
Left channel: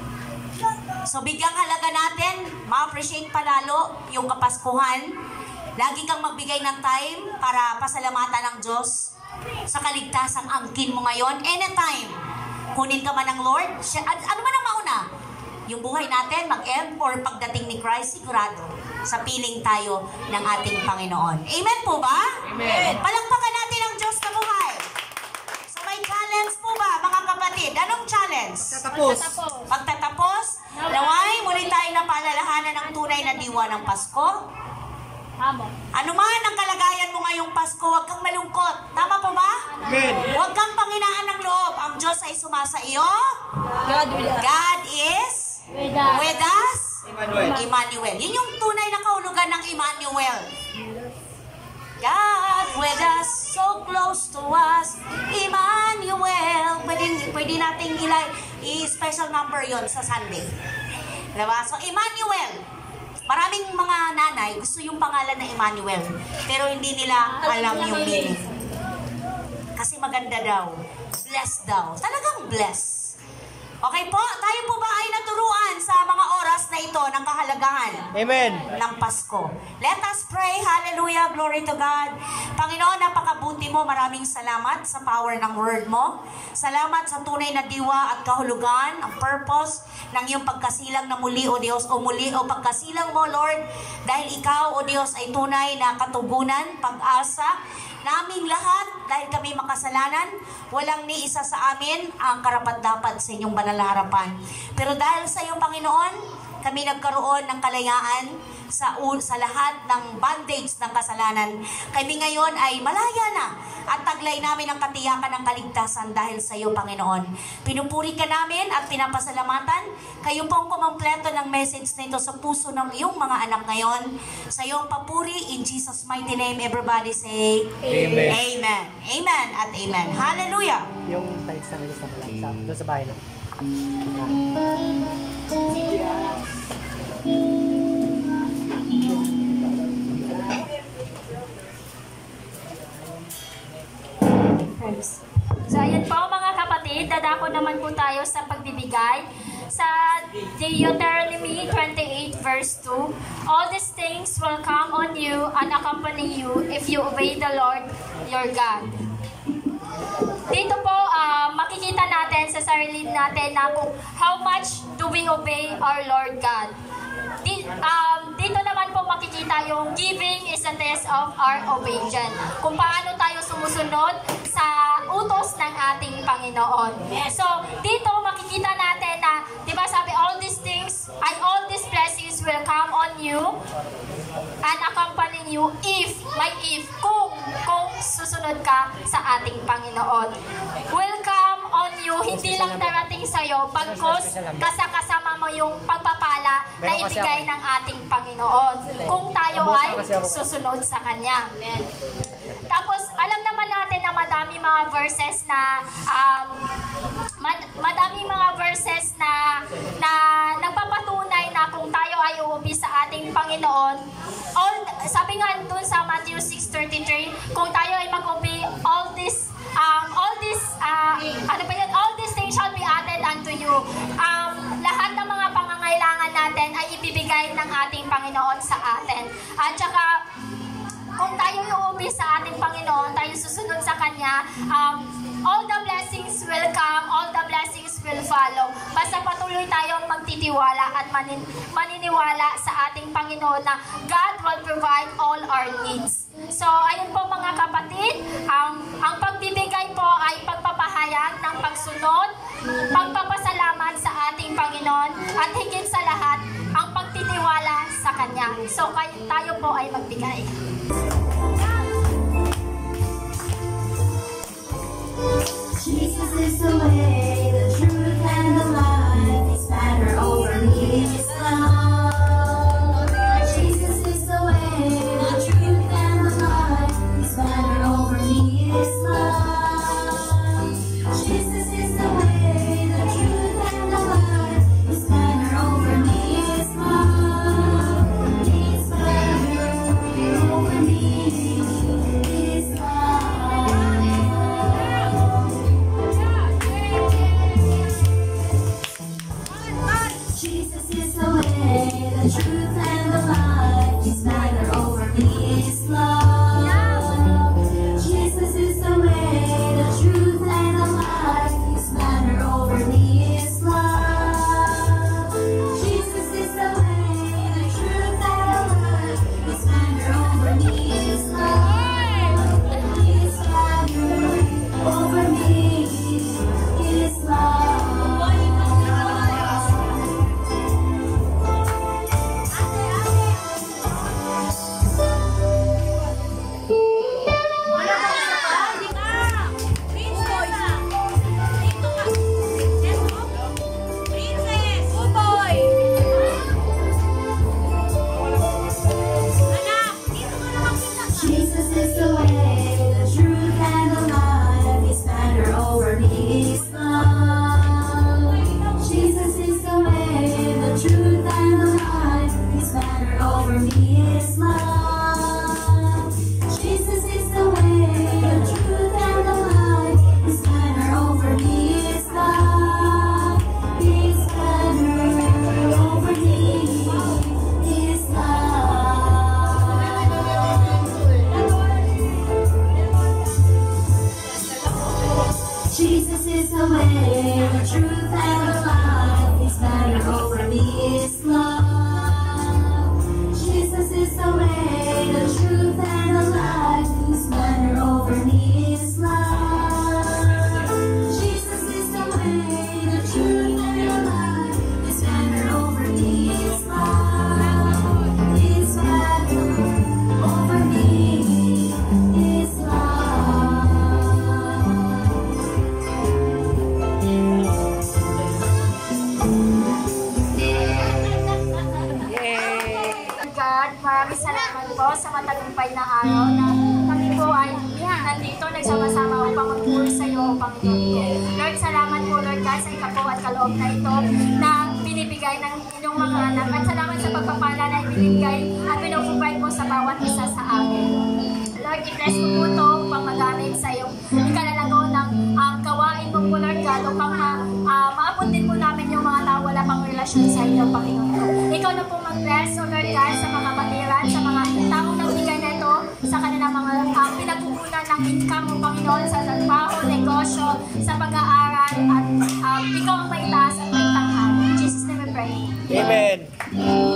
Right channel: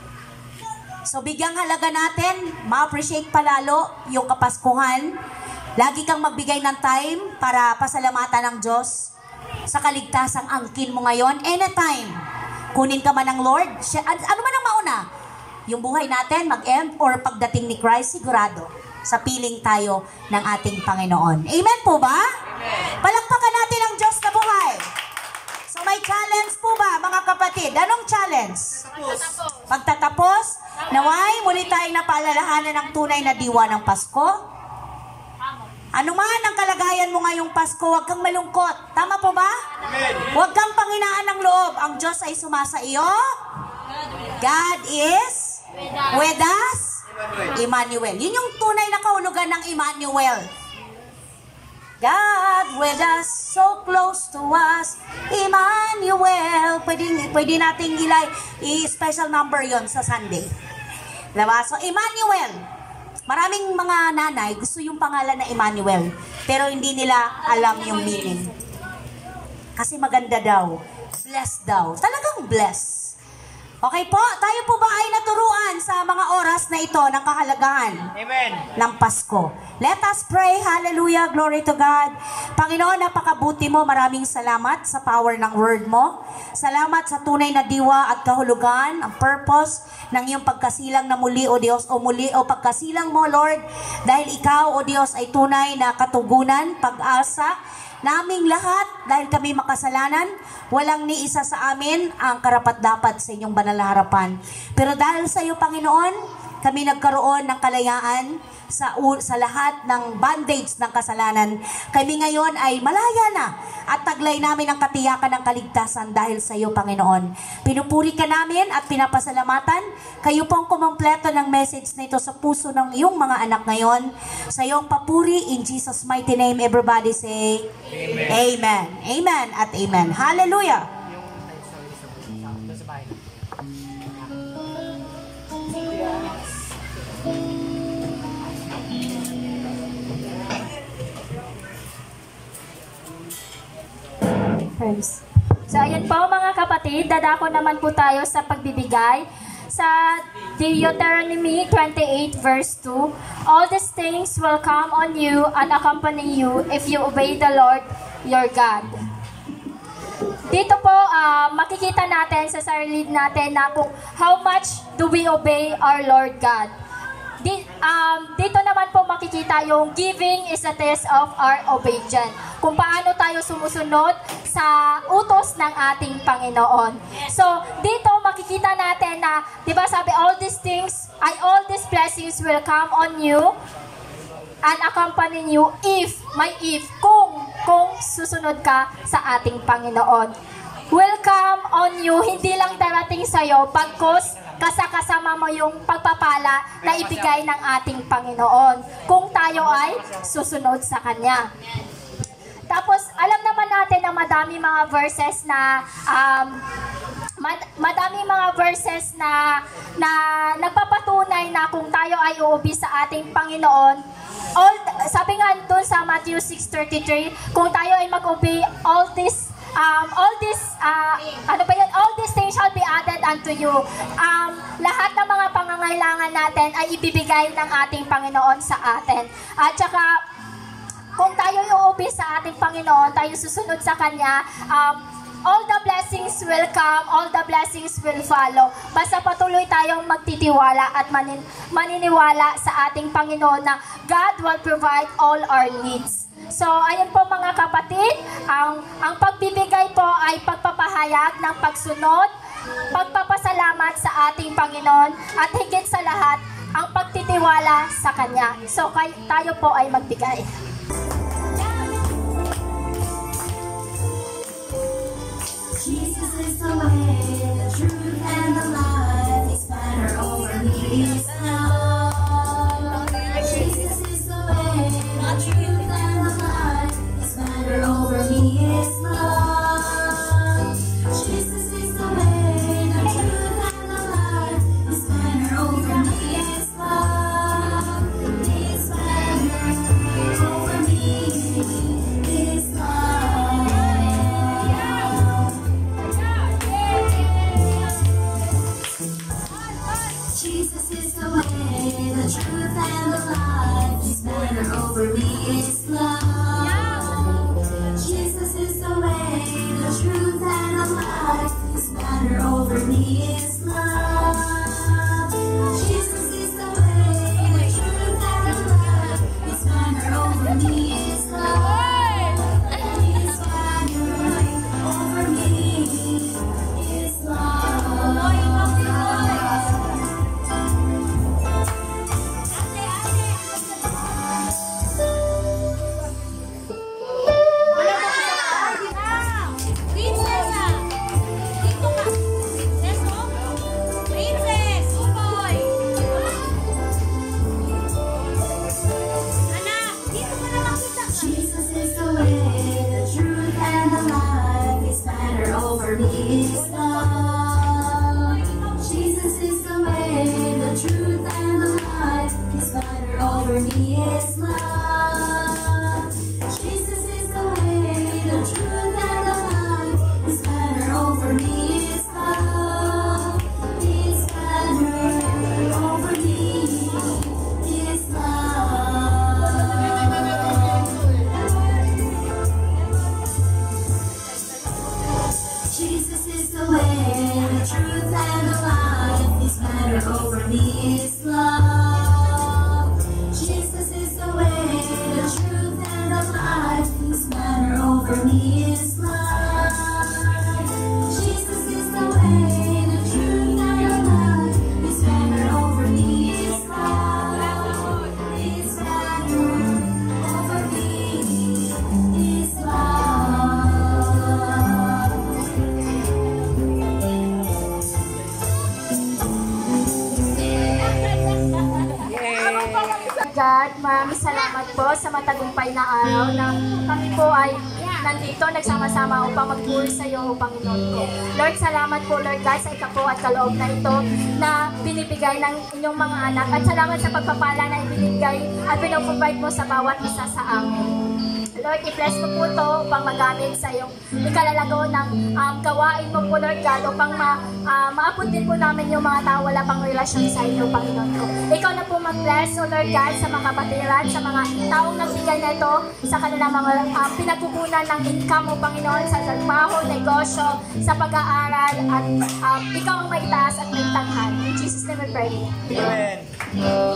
So bigyang halaga natin, ma-appreciate palalo yung Kapaskuhan. Lagi kang magbigay ng time para pasalamatan ng Diyos sa kaligtasang angkin mo ngayon. Anytime, kunin ka man ng Lord. Ano man ang mauna? Yung buhay natin, mag-end, or pagdating ni Christ, sigurado, sa piling tayo ng ating Panginoon. Amen po ba? Amen. Palakpakan natin ang Diyos na buhay. So may challenge po ba, mga kapatid? Anong challenge? Tapos. Pagtatapos, naway, muli tayong napaalalahanan ng tunay na diwa ng Pasko. Tama. Ano man ang kalagayan mo ngayong Pasko, huwag kang malungkot. Tama po ba? Amen. Huwag kang panghinaan ng loob. Ang Diyos ay sumasa iyo. God with us. God is with us. Emmanuel. Emmanuel. Yun yung tunay na kahulugan ng Emmanuel. God with us, so close to us, Emmanuel. Pwede nating i-special number yon sa Sunday. Diba? So, Emmanuel. Maraming mga nanay gusto yung pangalan na Emmanuel, pero hindi nila alam yung meaning. Kasi maganda daw. Blessed daw. Talagang blessed. Okay po? Tayo po ba ay naturuan sa mga oras na ito ng kahalagahan Amen. ng Pasko? Let us pray. Hallelujah. Glory to God. Panginoon, napakabuti mo. Maraming salamat sa power ng word mo. Salamat sa tunay na diwa at kahulugan, ang purpose ng iyong pagkasilang na muli, O Diyos, o muli, o pagkasilang mo, Lord, dahil ikaw, O Diyos, ay tunay na katugunan, pag-asa, naming lahat, dahil kami makasalanan, walang ni isa sa amin ang karapat-dapat sa inyong banal na harapan. Pero dahil sa iyo, Panginoon, kami nagkaroon ng kalayaan, sa lahat ng bandage ng kasalanan. Kami ngayon ay malaya na at taglay namin ang katiyakan ng kaligtasan dahil sa iyo, Panginoon. Pinupuri ka namin at pinapasalamatan. Kayo pong kumumpleto ng message na ito sa puso ng iyong mga anak ngayon. Sa iyong papuri, in Jesus' mighty name, everybody say, Amen. Amen. Amen at Amen. Hallelujah. Yung tights na nila doon sa bahay. So ayan po mga kapatid, dadako naman po tayo sa pagbibigay sa Deuteronomy 28 verse 2. All these things will come on you and accompany you if you obey the Lord your God. Dito po makikita natin sa sarili natin na kung how much do we obey our Lord God. Dito naman po makikita yung giving is a test of our obedience. Kung paano tayo sumusunod sa utos ng ating Panginoon. So, dito makikita natin na, di ba sabi, all these blessings will come on you and accompany you if kung susunod ka sa ating Panginoon. Will come on you, hindi lang darating sa'yo, pagkos kasama mo yung pagpapala na ibigay ng ating Panginoon kung tayo ay susunod sa Kanya. Tapos, alam naman natin na madami mga verses na nagpapatunay na kung tayo ay uubi sa ating Panginoon. Sabi nga doon sa Matthew 6:33, kung tayo ay mag-obey, all these things shall be added unto you. Lahat ng mga pangangailangan natin ay ibibigay ng ating Panginoon sa atin. At saka, kung tayo uubi sa ating Panginoon, tayo susunod sa Kanya, all the blessings will come, all the blessings will follow. Basta patuloy tayong magtitiwala at maniniwala sa ating Panginoon na God will provide all our needs. So, ayun po mga kapatid, ang pagbibigay po ay pagpapahayag ng pagsunod, pagpapasalamat sa ating Panginoon, at higit sa lahat, ang pagtitiwala sa Kanya. So, tayo po ay magbigay. Jesus is the way, the truth, and the life. His banner over me is love. Jesus is the way, the truth, and the life. His banner over me is love. Jesus is the way, the truth, and the life. His banner over me is love. His banner over me is love. salamat po sa matagumpay na araw na kami po ay nandito, nagsama-sama upang magpuri sa iyo, O Panginoon. Lord, salamat po, Lord God, sa ikapo at kaloob na ito na binibigay ng inyong mga anak. At salamat sa pagpapala na ibinibigay at pinuprovide mo sa bawat isa sa amin. Lord, i-bless mo po ito upang magamit sa iyong ikalalago ng gawain mo po, Lord God, upang maabot din po namin yung mga tao wala pang relasyon sa inyo, Panginoon. Ikaw na po mag-bless, O Lord God, sa mga batiran, sa mga taong nagbigay na ito, sa kanilang mga pinagkukunan ng income, O Panginoon, sa trabaho, negosyo, sa pag-aaral, at ikaw ang may taas at may tanghal. In Jesus' name we pray. Amen.